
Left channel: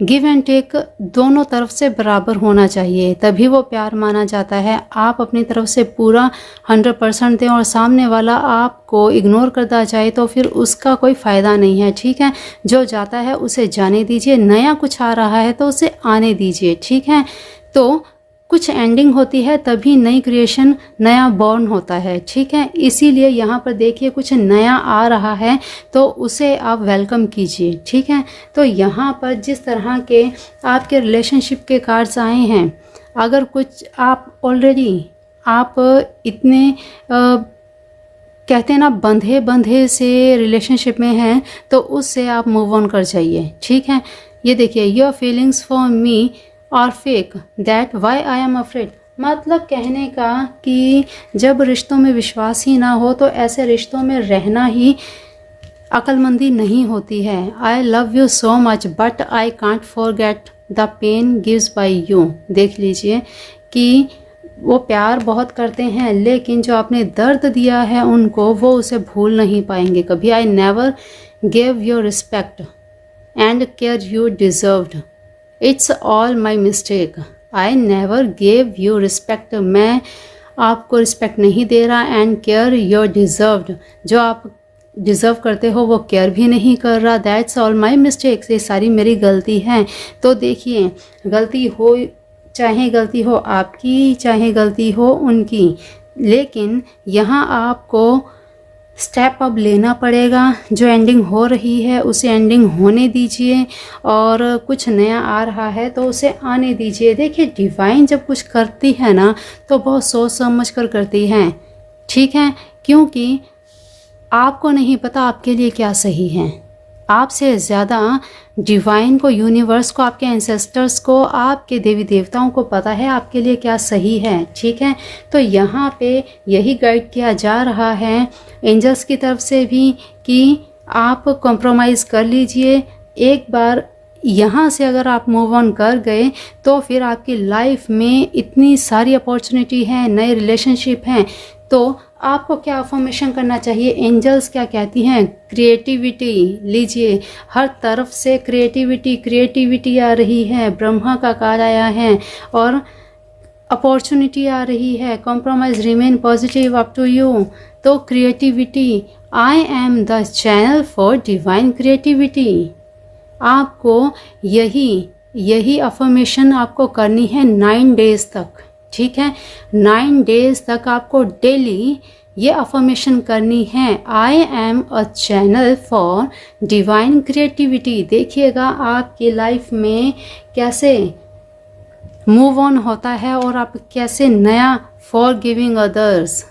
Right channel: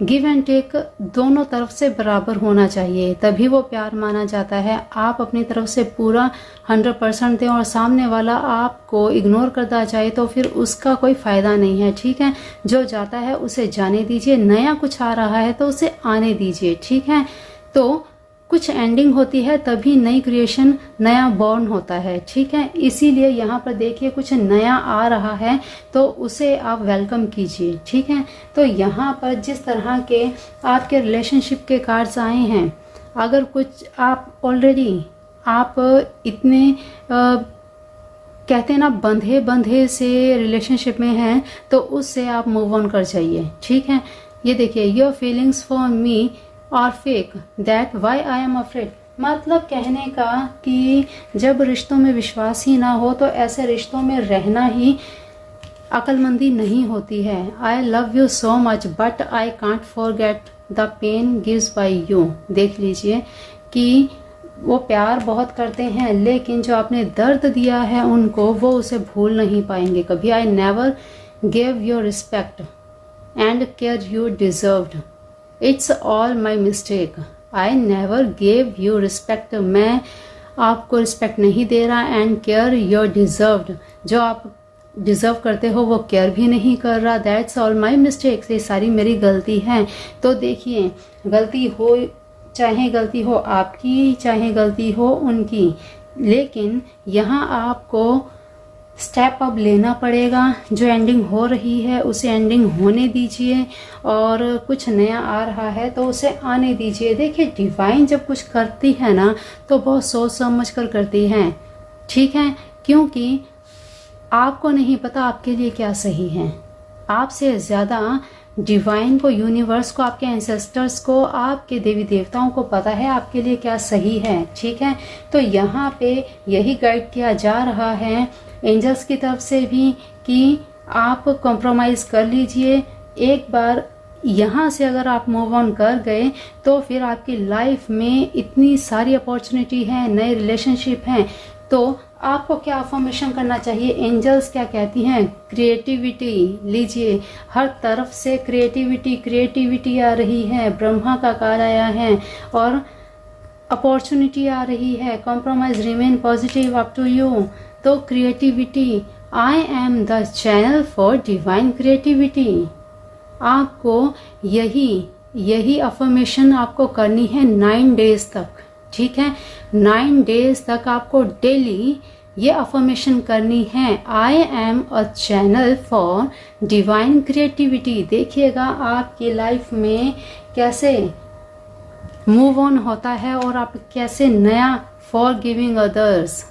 गिव एंड टेक दोनों तरफ से बराबर होना चाहिए, तभी वो प्यार माना जाता है। आप अपनी तरफ से पूरा 100% दें और सामने वाला आपको इग्नोर करता जाए तो फिर उसका कोई फ़ायदा नहीं है, ठीक है। जो जाता है उसे जाने दीजिए, नया कुछ आ रहा है तो उसे आने दीजिए, ठीक है। तो कुछ एंडिंग होती है तभी नई क्रिएशन, नया बॉर्न होता है, ठीक है। इसीलिए यहाँ पर देखिए कुछ नया आ रहा है तो उसे आप वेलकम कीजिए, ठीक है। तो यहाँ पर जिस तरह के आपके रिलेशनशिप के कार्ड्स आए हैं, अगर कुछ आप ऑलरेडी आप इतने कहते हैं ना बंधे बंधे से रिलेशनशिप में हैं, तो उससे आप मूव ऑन कर जाइए, ठीक है। ये देखिए, your feelings for me are fake that why I am afraid. मतलब कहने का कि जब रिश्तों में विश्वास ही ना हो तो ऐसे रिश्तों में रहना ही अक्लमंदी नहीं होती है। I love you so much but I can't forget the pain gives by you. देख लीजिए कि वो प्यार बहुत करते हैं, लेकिन जो आपने दर्द दिया है उनको, वो उसे भूल नहीं पाएंगे कभी। I never gave your respect and care you deserved, it's all my mistake. I never gave you respect, मैं आपको रिस्पेक्ट नहीं दे रहा, एंड केयर योर डिज़र्व्ड, जो आप डिज़र्व करते हो वो केयर भी नहीं कर रहा। दैट्स ऑल माई मिस्टेक्स, ये सारी मेरी गलती है। तो देखिए, गलती हो, चाहे गलती हो आपकी, चाहे गलती हो उनकी, लेकिन यहाँ आपको स्टेप अप लेना पड़ेगा। जो एंडिंग हो रही है उसे एंडिंग होने दीजिए, और कुछ नया आ रहा है तो उसे आने दीजिए। देखिए, डिवाइन जब कुछ करती है ना तो बहुत सोच समझ कर करती है, ठीक है, क्योंकि आपको नहीं पता आपके लिए क्या सही है। आपसे ज़्यादा डिवाइन को, यूनिवर्स को, आपके एंसेस्टर्स को, आपके देवी देवताओं को पता है आपके लिए क्या सही है, ठीक है। तो यहाँ पे यही गाइड किया जा रहा है एंजल्स की तरफ से भी कि आप कॉम्प्रोमाइज़ कर लीजिए। एक बार यहाँ से अगर आप मूव ऑन कर गए तो फिर आपकी लाइफ में इतनी सारी अपॉर्चुनिटी है, नए रिलेशनशिप हैं। तो आपको क्या अफर्मेशन करना चाहिए, एंजल्स क्या कहती हैं, क्रिएटिविटी लीजिए। हर तरफ से क्रिएटिविटी आ रही है, ब्रह्मा का कार्ड आया है और अपॉर्चुनिटी आ रही है। Compromise, remain positive, up to you. तो creativity, I am the channel for divine creativity. आपको यही अफर्मेशन आपको करनी है 9 डेज तक, ठीक है। 9 डेज तक आपको डेली ये अफर्मेशन करनी है, I am a channel for divine creativity. देखिएगा आपकी लाइफ में कैसे मूव ऑन होता है और आप कैसे नया, फॉर गिविंग अदर्स,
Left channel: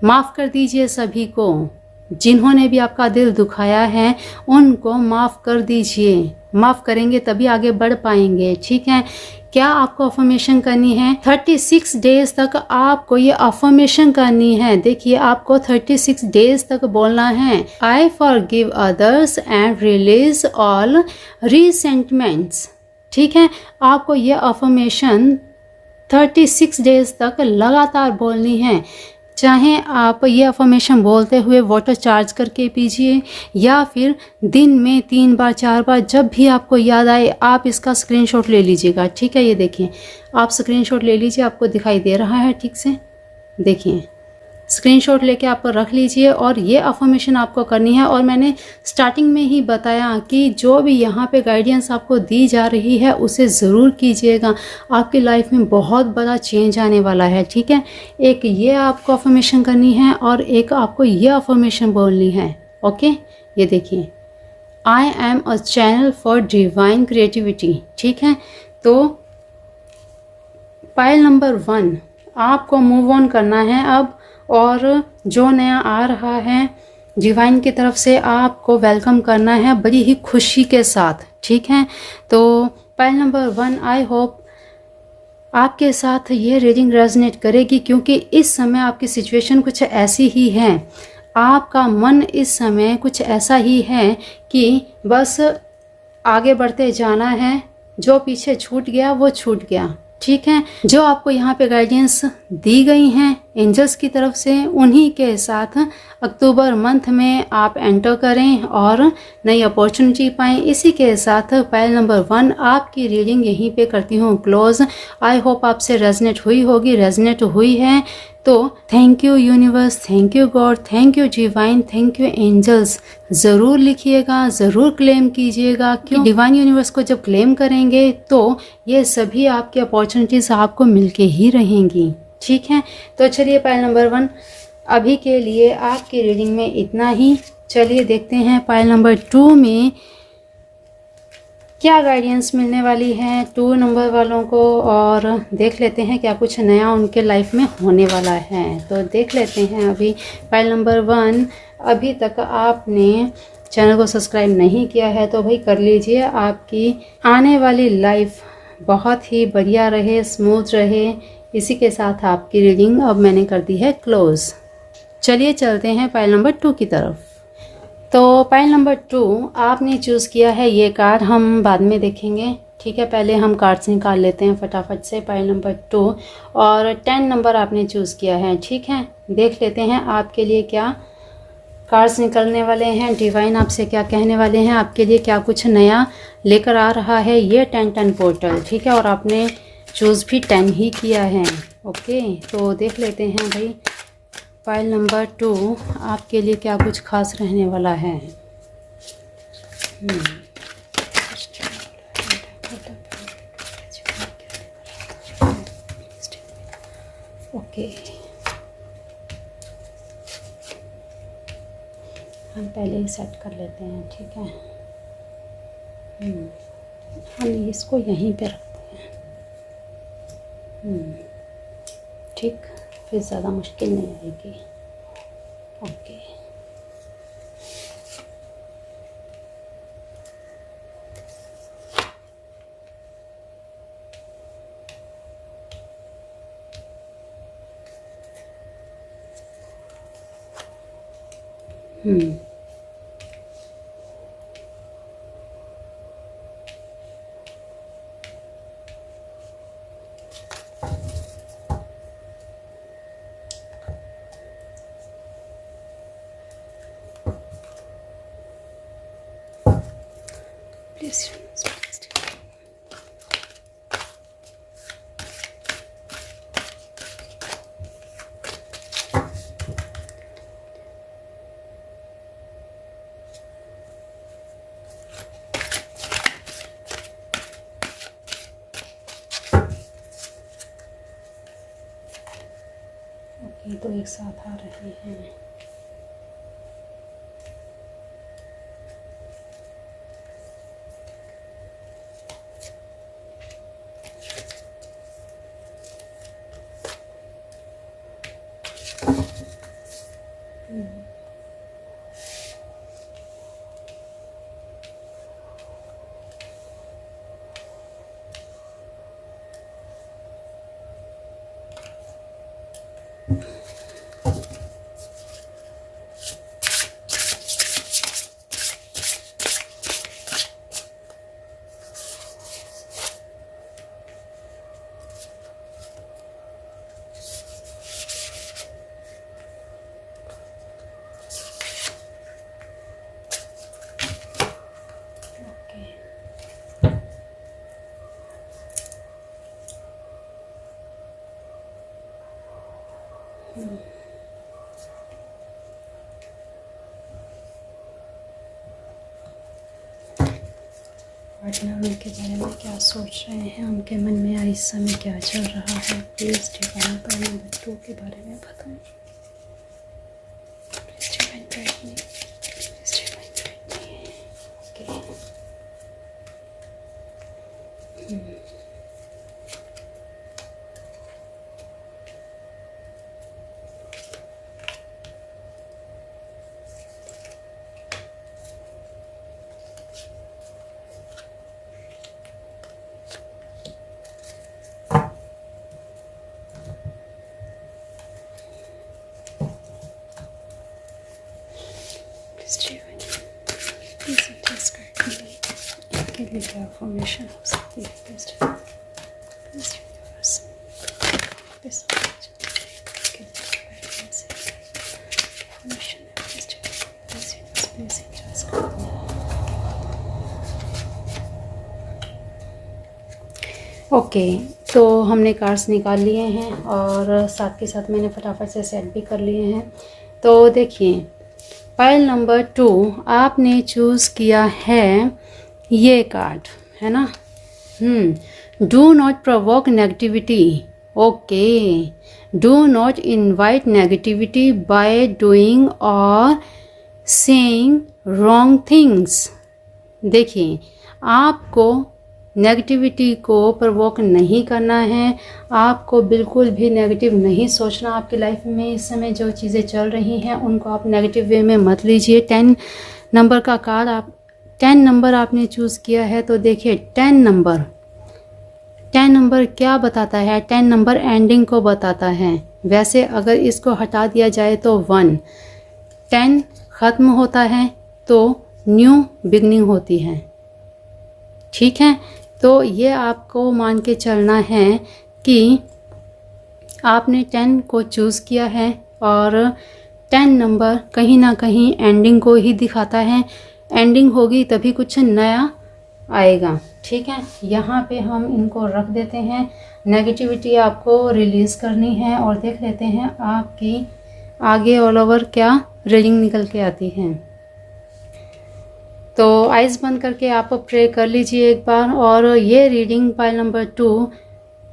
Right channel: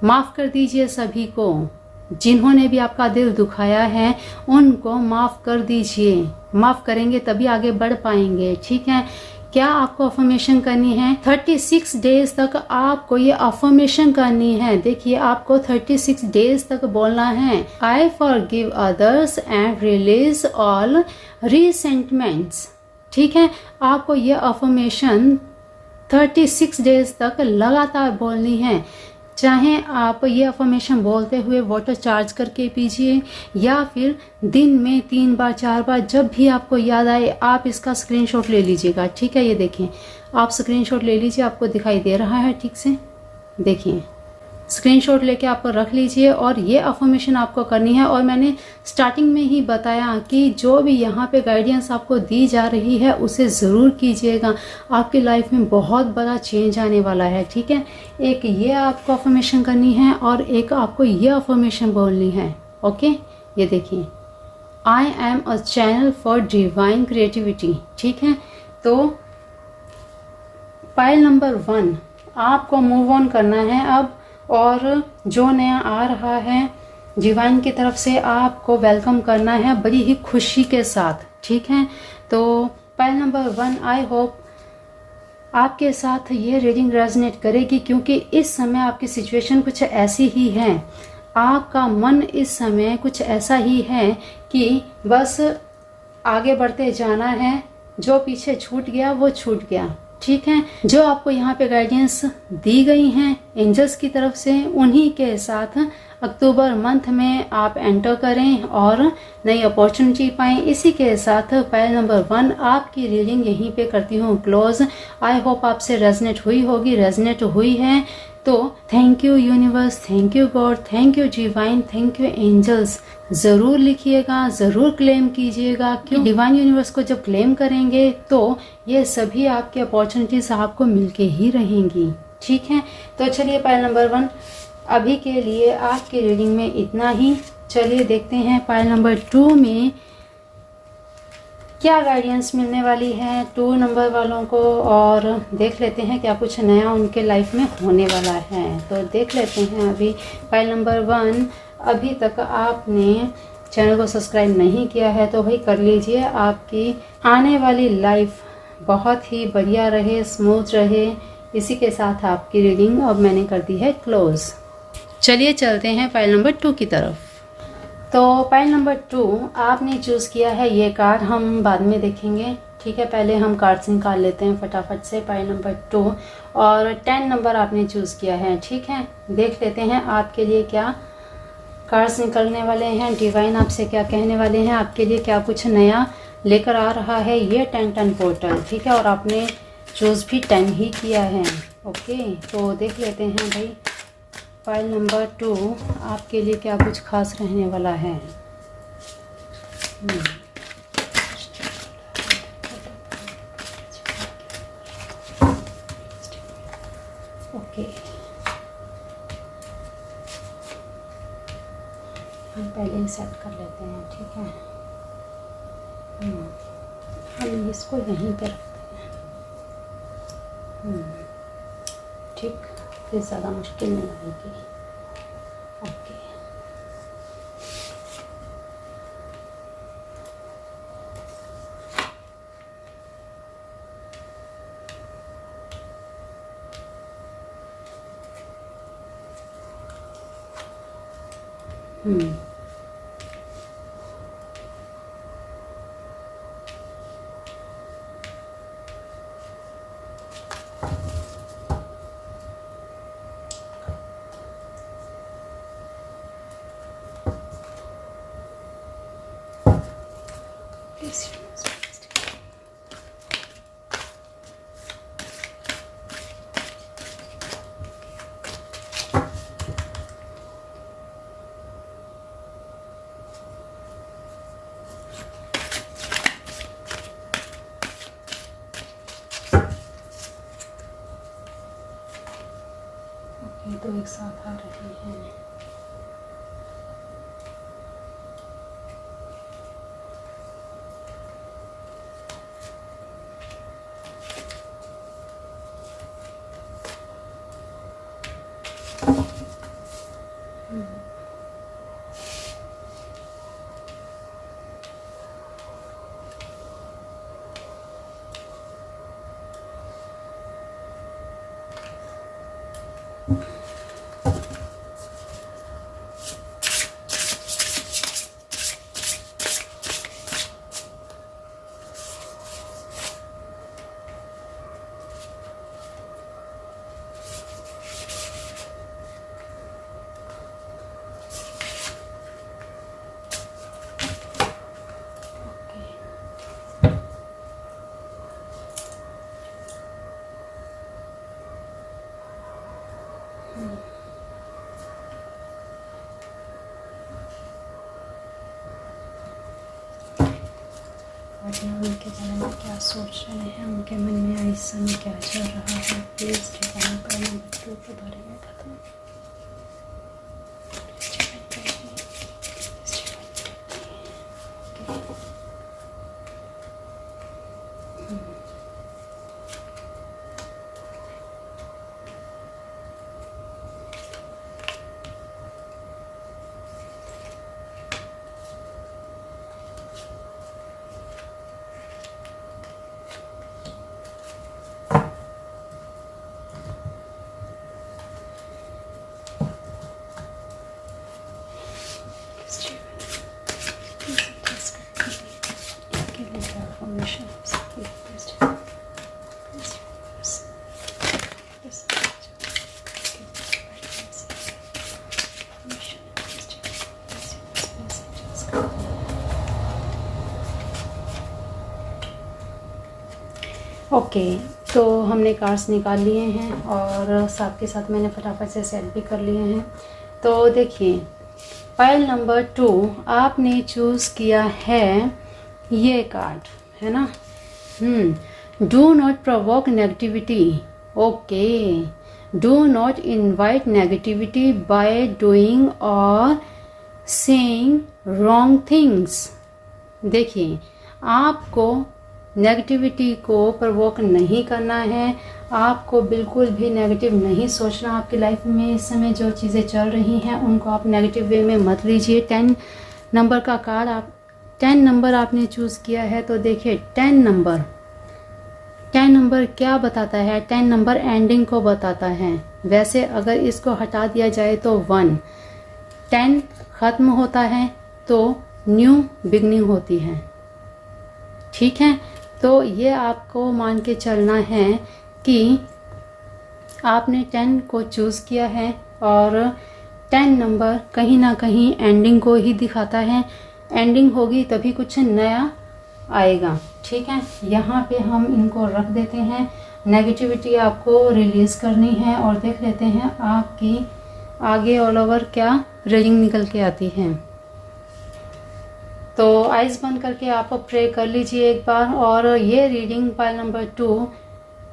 माफ़ कर दीजिए सभी को, जिन्होंने भी आपका दिल दुखाया है उनको माफ़ कर दीजिए। माफ़ करेंगे तभी आगे बढ़ पाएंगे, ठीक है। क्या आपको अफर्मेशन करनी है? 36 डेज तक आपको ये अफर्मेशन करनी है। देखिए, आपको 36 डेज तक बोलना है, I forgive others and release all resentments, ठीक है। आपको ये अफर्मेशन 36 डेज तक लगातार बोलनी है। चाहे आप ये अफर्मेशन बोलते हुए वाटर चार्ज करके पीजिए, या फिर दिन में 3 बार 4 बार, जब भी आपको याद आए आप इसका स्क्रीनशॉट ले लीजिएगा, ठीक है। ये देखिए, आप स्क्रीनशॉट ले लीजिए, आपको दिखाई दे रहा है ठीक से, देखिए स्क्रीनशॉट लेके आप रख लीजिए। और ये अफर्मेशन आपको करनी है। और मैंने स्टार्टिंग में ही बताया कि जो भी यहाँ पे गाइडेंस आपको दी जा रही है उसे ज़रूर कीजिएगा, आपकी लाइफ में बहुत बड़ा चेंज आने वाला है, ठीक है। एक ये आपको अफर्मेशन करनी है और एक आपको ये अफर्मेशन बोलनी है, ओके। ये देखिए, I am a channel for divine creativity, ठीक है। तो पाइल नंबर 1 आपको मूव ऑन करना है अब, और जो नया आ रहा है डिवाइन की तरफ से आपको वेलकम करना है बड़ी ही खुशी के साथ, ठीक है। तो पाइल नंबर 1, आई होप आपके साथ ये रीडिंग रेजोनेट करेगी, क्योंकि इस समय आपकी सिचुएशन कुछ ऐसी ही है। आपका मन इस समय कुछ ऐसा ही है कि बस आगे बढ़ते जाना है, जो पीछे छूट गया वो छूट गया। ठीक है, जो आपको यहाँ पे गाइडेंस दी गई हैं एंजल्स की तरफ से, उन्हीं के साथ अक्टूबर मंथ में आप एंटर करें और नई अपॉर्चुनिटी पाएं। इसी के साथ पाइल नंबर 1 आपकी रीडिंग यहीं पे करती हूँ क्लोज। आई होप आपसे रेजनेट हुई होगी, रेजनेट हुई है तो thank you universe, thank you God, thank you divine, thank you angels ज़रूर लिखिएगा, ज़रूर क्लेम कीजिएगा। क्यों डिवाइन यूनिवर्स को जब क्लेम करेंगे तो ये सभी आपकी अपॉर्चुनिटीज़ आपको मिलके ही रहेंगी। ठीक है, तो चलिए पाइल नंबर 1 अभी के लिए आपकी रीडिंग में इतना ही। चलिए देखते हैं पाइल नंबर 2 में क्या गाइडेंस मिलने वाली है 2 नंबर वालों को, और देख लेते हैं क्या कुछ नया उनके लाइफ में होने वाला है। तो देख लेते हैं अभी पाइल नंबर 1। अभी तक आपने चैनल को सब्सक्राइब नहीं किया है तो भाई कर लीजिए। आपकी आने वाली लाइफ बहुत ही बढ़िया रहे, स्मूथ रहे। इसी के साथ आपकी रीडिंग अब मैंने कर दी है क्लोज। चलिए चलते हैं पाइल नंबर 2 की तरफ। तो पाइल नंबर 2 आपने चूज़ किया है ये कार्ड, हम बाद में देखेंगे। ठीक है, पहले हम कार्ड्स निकाल लेते हैं फटाफट से। पाइल नंबर 2 और 10 नंबर आपने चूज़ किया है। ठीक है, देख लेते हैं आपके लिए क्या कार्ड्स निकलने वाले हैं, डिवाइन आपसे क्या कहने वाले हैं, आपके लिए क्या कुछ नया लेकर आ रहा है ये 10-10 पोर्टल। ठीक है, और आपने चूज़ भी 10 ही किया है। ओके, तो देख लेते हैं भाई पाइल नंबर 2 आपके लिए क्या कुछ खास रहने वाला है। ओके, हम पहले ही सेट कर लेते हैं। ठीक है, हम इसको यहीं पे रखते हैं। ठीक, फिर ज़्यादा मुश्किल नहीं होगी। ओके, प्लीज तो एक साथ आ रहे हैं। पार्टनर उनके बारे में क्या सोच रहे हैं, उनके मन में इस समय क्या चल रहा है, प्लीज़ डिवाइन पाइल नंबर 2 के बारे में बताएं। क्या फॉर्मेशन हो सकती है? ओके, तो हमने कार्ड्स निकाल लिए हैं और साथ के साथ मैंने फटाफट से सेट भी कर लिए हैं। तो देखिए, पाइल नंबर 2 आपने चूज़ किया है ये कार्ड, है ना। Do not provoke negativity. Okay, do not invite negativity by doing और सेइंग रॉन्ग थिंग्स। देखिए, आपको नेगेटिविटी को प्रवोक नहीं करना है, आपको बिल्कुल भी नेगेटिव नहीं सोचना। आपकी लाइफ में इस समय जो चीज़ें चल रही हैं उनको आप नेगेटिव वे में मत लीजिए। 10 नंबर का कार्ड, आप 10 नंबर आपने चूज़ किया है, तो देखिए 10 नंबर क्या बताता है? 10 नंबर एंडिंग को बताता है। वैसे अगर इसको हटा दिया जाए तो 1, 10 ख़त्म होता है तो न्यू बिगनिंग होती है, ठीक है। तो ये आपको मान के चलना है कि आपने 10 को चूज़ किया है और 10 नंबर कहीं ना कहीं एंडिंग को ही दिखाता है। एंडिंग होगी तभी कुछ नया आएगा, ठीक है। यहाँ पे हम इनको रख देते हैं। नेगेटिविटी आपको रिलीज़ करनी है और देख लेते हैं आपकी आगे ऑल ओवर क्या रीडिंग निकल के आती है। तो आइज़ बंद करके आप प्रे कर लीजिए एक बार। और ये रीडिंग पाइल नंबर 2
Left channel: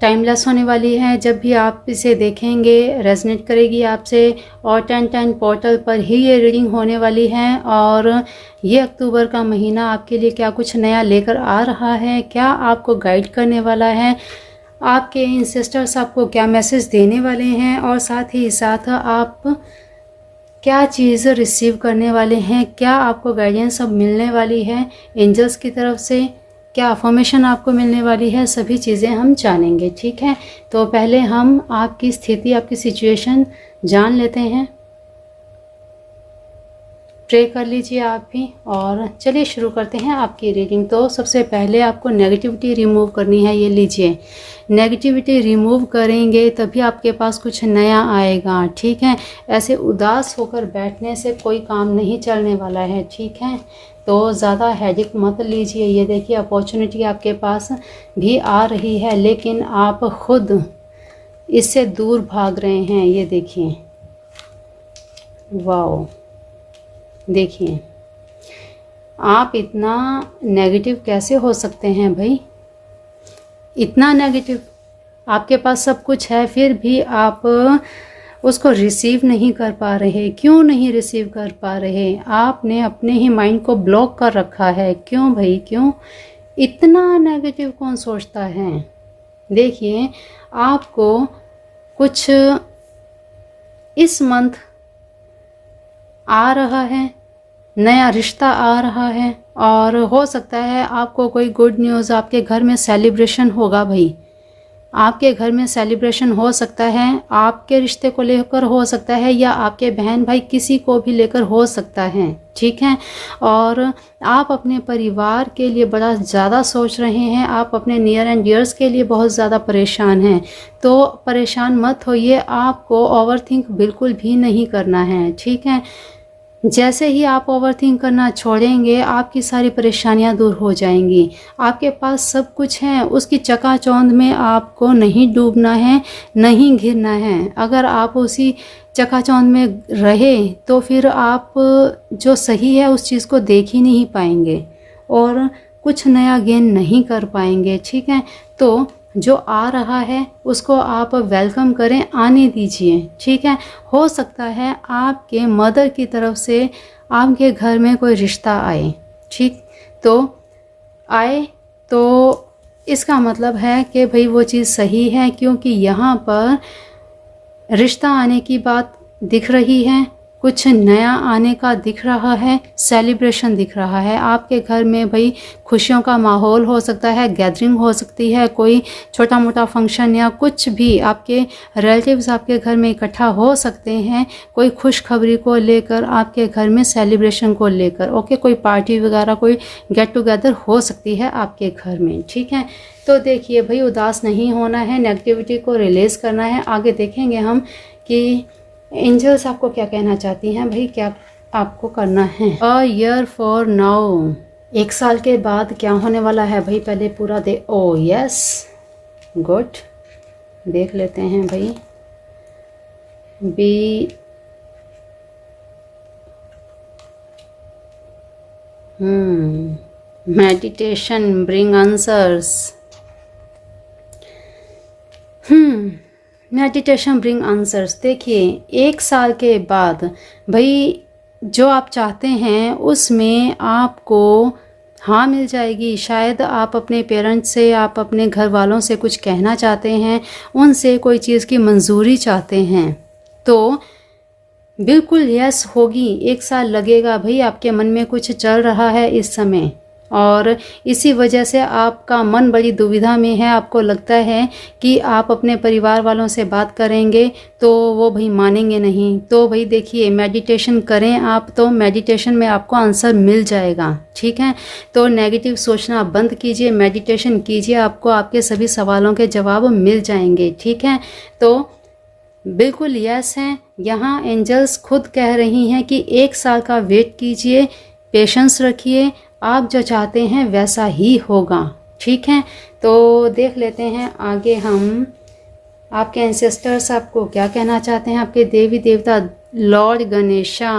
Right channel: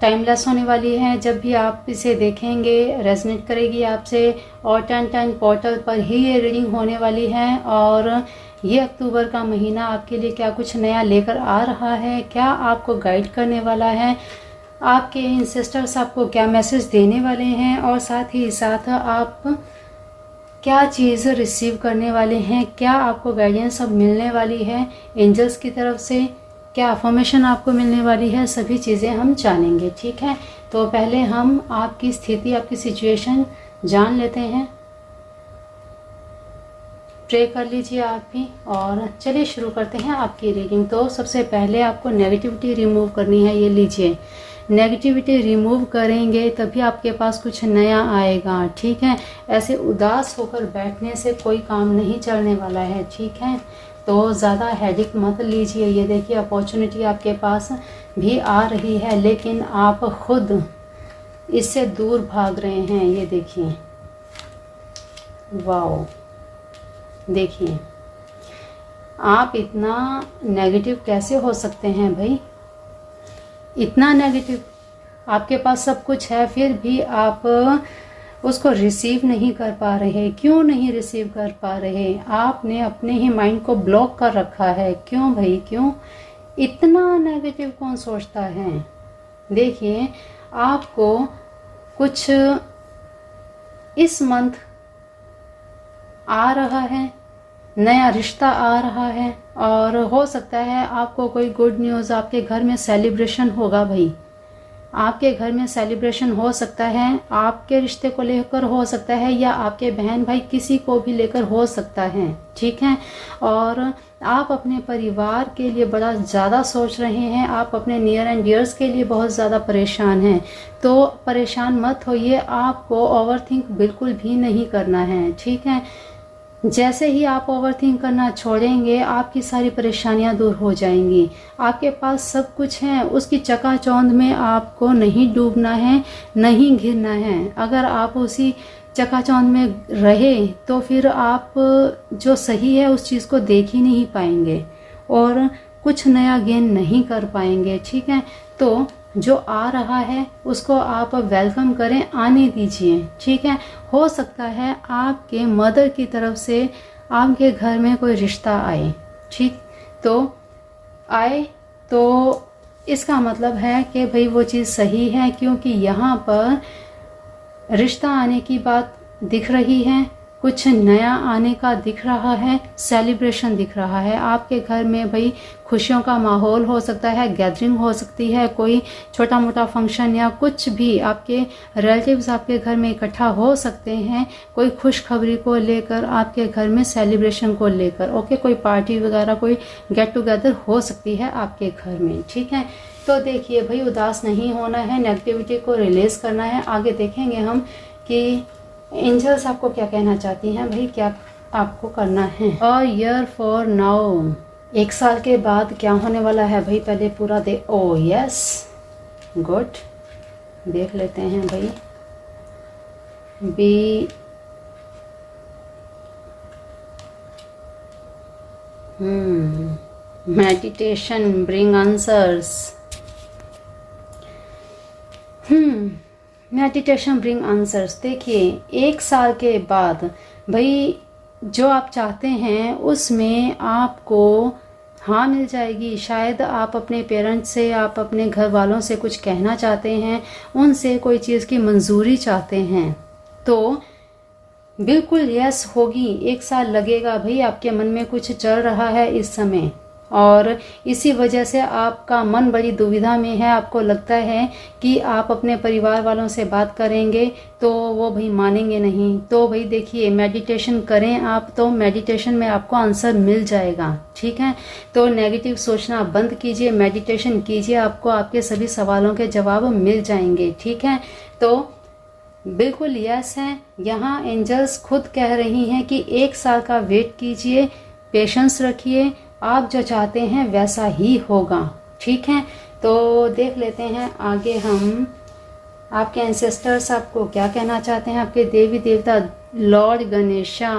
टाइमलेस होने वाली है। जब भी आप इसे देखेंगे रेजनेट करेगी आपसे, और 10-10 पोर्टल पर ही ये रीडिंग होने वाली है। और ये अक्टूबर का महीना आपके लिए क्या कुछ नया लेकर आ रहा है, क्या आपको गाइड करने वाला है, आपके इंसेस्टर्स आपको क्या मैसेज देने वाले हैं, और साथ ही साथ आप क्या चीज़ रिसीव करने वाले हैं, क्या आपको गाइडेंस अब मिलने वाली है एंजल्स की तरफ से, क्या अफर्मेशन आपको मिलने वाली है, सभी चीज़ें हम जानेंगे, ठीक है। तो पहले हम आपकी स्थिति, आपकी सिचुएशन जान लेते हैं। प्रे कर लीजिए आप भी और चलिए शुरू करते हैं आपकी रीडिंग। तो सबसे पहले आपको नेगेटिविटी रिमूव करनी है। ये लीजिए, नेगेटिविटी रिमूव करेंगे तभी आपके पास कुछ नया आएगा, ठीक है। ऐसे उदास होकर बैठने से कोई काम नहीं चलने वाला है, ठीक है। तो ज़्यादा हेडेक मत लीजिए। ये देखिए, अपॉर्चुनिटी आपके पास भी आ रही है लेकिन आप खुद इससे दूर भाग रहे हैं। ये देखिए, वाओ, देखिए आप इतना नेगेटिव कैसे हो सकते हैं भाई, इतना नेगेटिव। आपके पास सब कुछ है फिर भी आप उसको रिसीव नहीं कर पा रहे। क्यों नहीं रिसीव कर पा रहे? आपने अपने ही माइंड को ब्लॉक कर रखा है। क्यों भाई, क्यों? इतना नेगेटिव कौन सोचता है? देखिए, आपको कुछ इस मंथ आ रहा है, नया रिश्ता आ रहा है, और हो सकता है आपको कोई गुड न्यूज़, आपके घर में सेलिब्रेशन होगा भाई। आपके घर में सेलिब्रेशन हो सकता है, आपके रिश्ते को लेकर हो सकता है, या आपके बहन भाई किसी को भी लेकर हो सकता है, ठीक है। और आप अपने परिवार के लिए बड़ा ज़्यादा सोच रहे हैं, आप अपने नियर एंड डियर्स के लिए बहुत ज़्यादा परेशान हैं। तो परेशान मत होइए, आपको ओवरथिंक बिल्कुल भी नहीं करना है, ठीक है। जैसे ही आप ओवरथिंक करना छोड़ेंगे आपकी सारी परेशानियां दूर हो जाएंगी। आपके पास सब कुछ है, उसकी चकाचौंध में आपको नहीं डूबना है, नहीं घिरना है। अगर आप उसी चकाचौंध में रहे तो फिर आप जो सही है उस चीज़ को देख ही नहीं पाएंगे और कुछ नया गेन नहीं कर पाएंगे, ठीक है। तो जो आ रहा है उसको आप वेलकम करें, आने दीजिए, ठीक है। हो सकता है आपके मदर की तरफ से आपके घर में कोई रिश्ता आए, ठीक, तो आए तो इसका मतलब है कि भाई वो चीज़ सही है, क्योंकि यहाँ पर रिश्ता आने की बात दिख रही है। कुछ नया आने का दिख रहा है, सेलिब्रेशन दिख रहा है। आपके घर में भाई खुशियों का माहौल हो सकता है, गैदरिंग हो सकती है, कोई छोटा मोटा फंक्शन या कुछ भी आपके रिलेटिव्स आपके घर में इकट्ठा हो सकते हैं, कोई खुशखबरी को लेकर, आपके घर में सेलिब्रेशन को लेकर। ओके, कोई पार्टी वगैरह, कोई गेट टुगेदर हो सकती है आपके घर में। ठीक है, तो देखिए भाई उदास नहीं होना है, नेगेटिविटी को रिलीज़ करना है। आगे देखेंगे हम कि एंजल्स आपको क्या कहना चाहती हैं भाई, क्या आपको करना है। अ ईयर फॉर नाउ, 1 साल के बाद क्या होने वाला है भाई, पहले पूरा दे। ओ यस, गुड, देख लेते हैं भाई। Be meditation bring answers. Meditation bring answers. देखिए 1 साल के बाद भाई जो आप चाहते हैं उसमें आपको हाँ मिल जाएगी। शायद आप अपने पेरेंट्स से, आप अपने घर वालों से कुछ कहना चाहते हैं, उनसे कोई चीज़ की मंजूरी चाहते हैं, तो बिल्कुल यस होगी। 1 साल लगेगा भाई, आपके मन में कुछ चल रहा है इस समय और इसी वजह से आपका मन बड़ी दुविधा में है। आपको लगता है कि आप अपने परिवार वालों से बात करेंगे तो वो भाई मानेंगे नहीं। तो भाई देखिए मेडिटेशन करें आप, तो मेडिटेशन में आपको आंसर मिल जाएगा। ठीक है, तो नेगेटिव सोचना बंद कीजिए, मेडिटेशन कीजिए, आपको आपके सभी सवालों के जवाब मिल जाएंगे। ठीक है, तो बिल्कुल यस है। यहाँ एंजल्स खुद कह रही हैं कि 1 साल का वेट कीजिए, पेशेंस रखिए, आप जो चाहते हैं वैसा ही होगा। ठीक है, तो देख लेते हैं आगे हम आपके एंसेस्टर्स आपको क्या कहना चाहते हैं। आपके देवी देवता Lord Ganesha,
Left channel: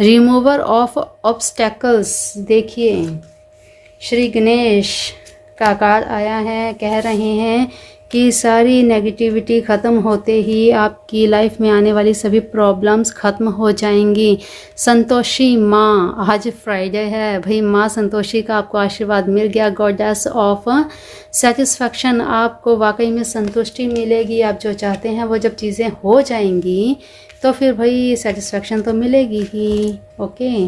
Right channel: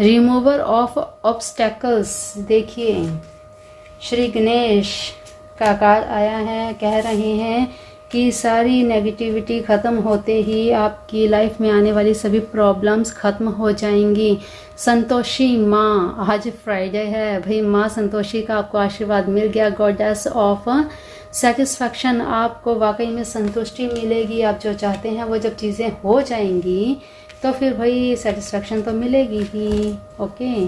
remover of obstacles. देखिए श्री गणेश का कार्ड आया है, कह रहे हैं कि सारी नेगेटिविटी ख़त्म होते ही आपकी लाइफ में आने वाली सभी प्रॉब्लम्स ख़त्म हो जाएंगी। संतोषी माँ, आज फ्राइडे है भाई, माँ संतोषी का आपको आशीर्वाद मिल गया। गॉडेस ऑफ सेटिस्फैक्शन, आपको वाकई में संतुष्टि मिलेगी। आप जो चाहते हैं वो जब चीज़ें हो जाएंगी तो फिर भाई सेटिस्फैक्शन तो मिलेगी ही। ओके,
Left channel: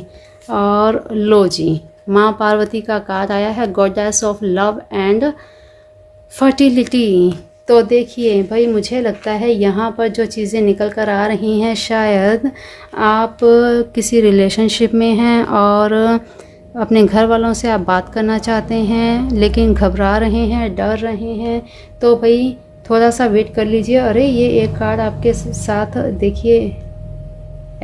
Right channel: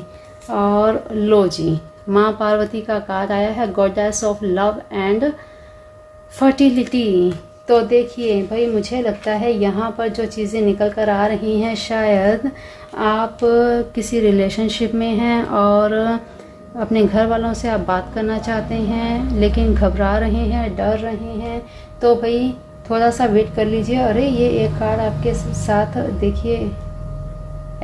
और लो जी माँ पार्वती का कार्ड आया है, goddess of love and fertility. तो देखिए भाई मुझे लगता है यहाँ पर जो चीज़ें निकल कर आ रही हैं, शायद आप किसी रिलेशनशिप में हैं और अपने घर वालों से आप बात करना चाहते हैं लेकिन घबरा रहे हैं, डर रहे हैं। तो भाई थोड़ा सा वेट कर लीजिए। अरे ये एक कार्ड आपके साथ देखिए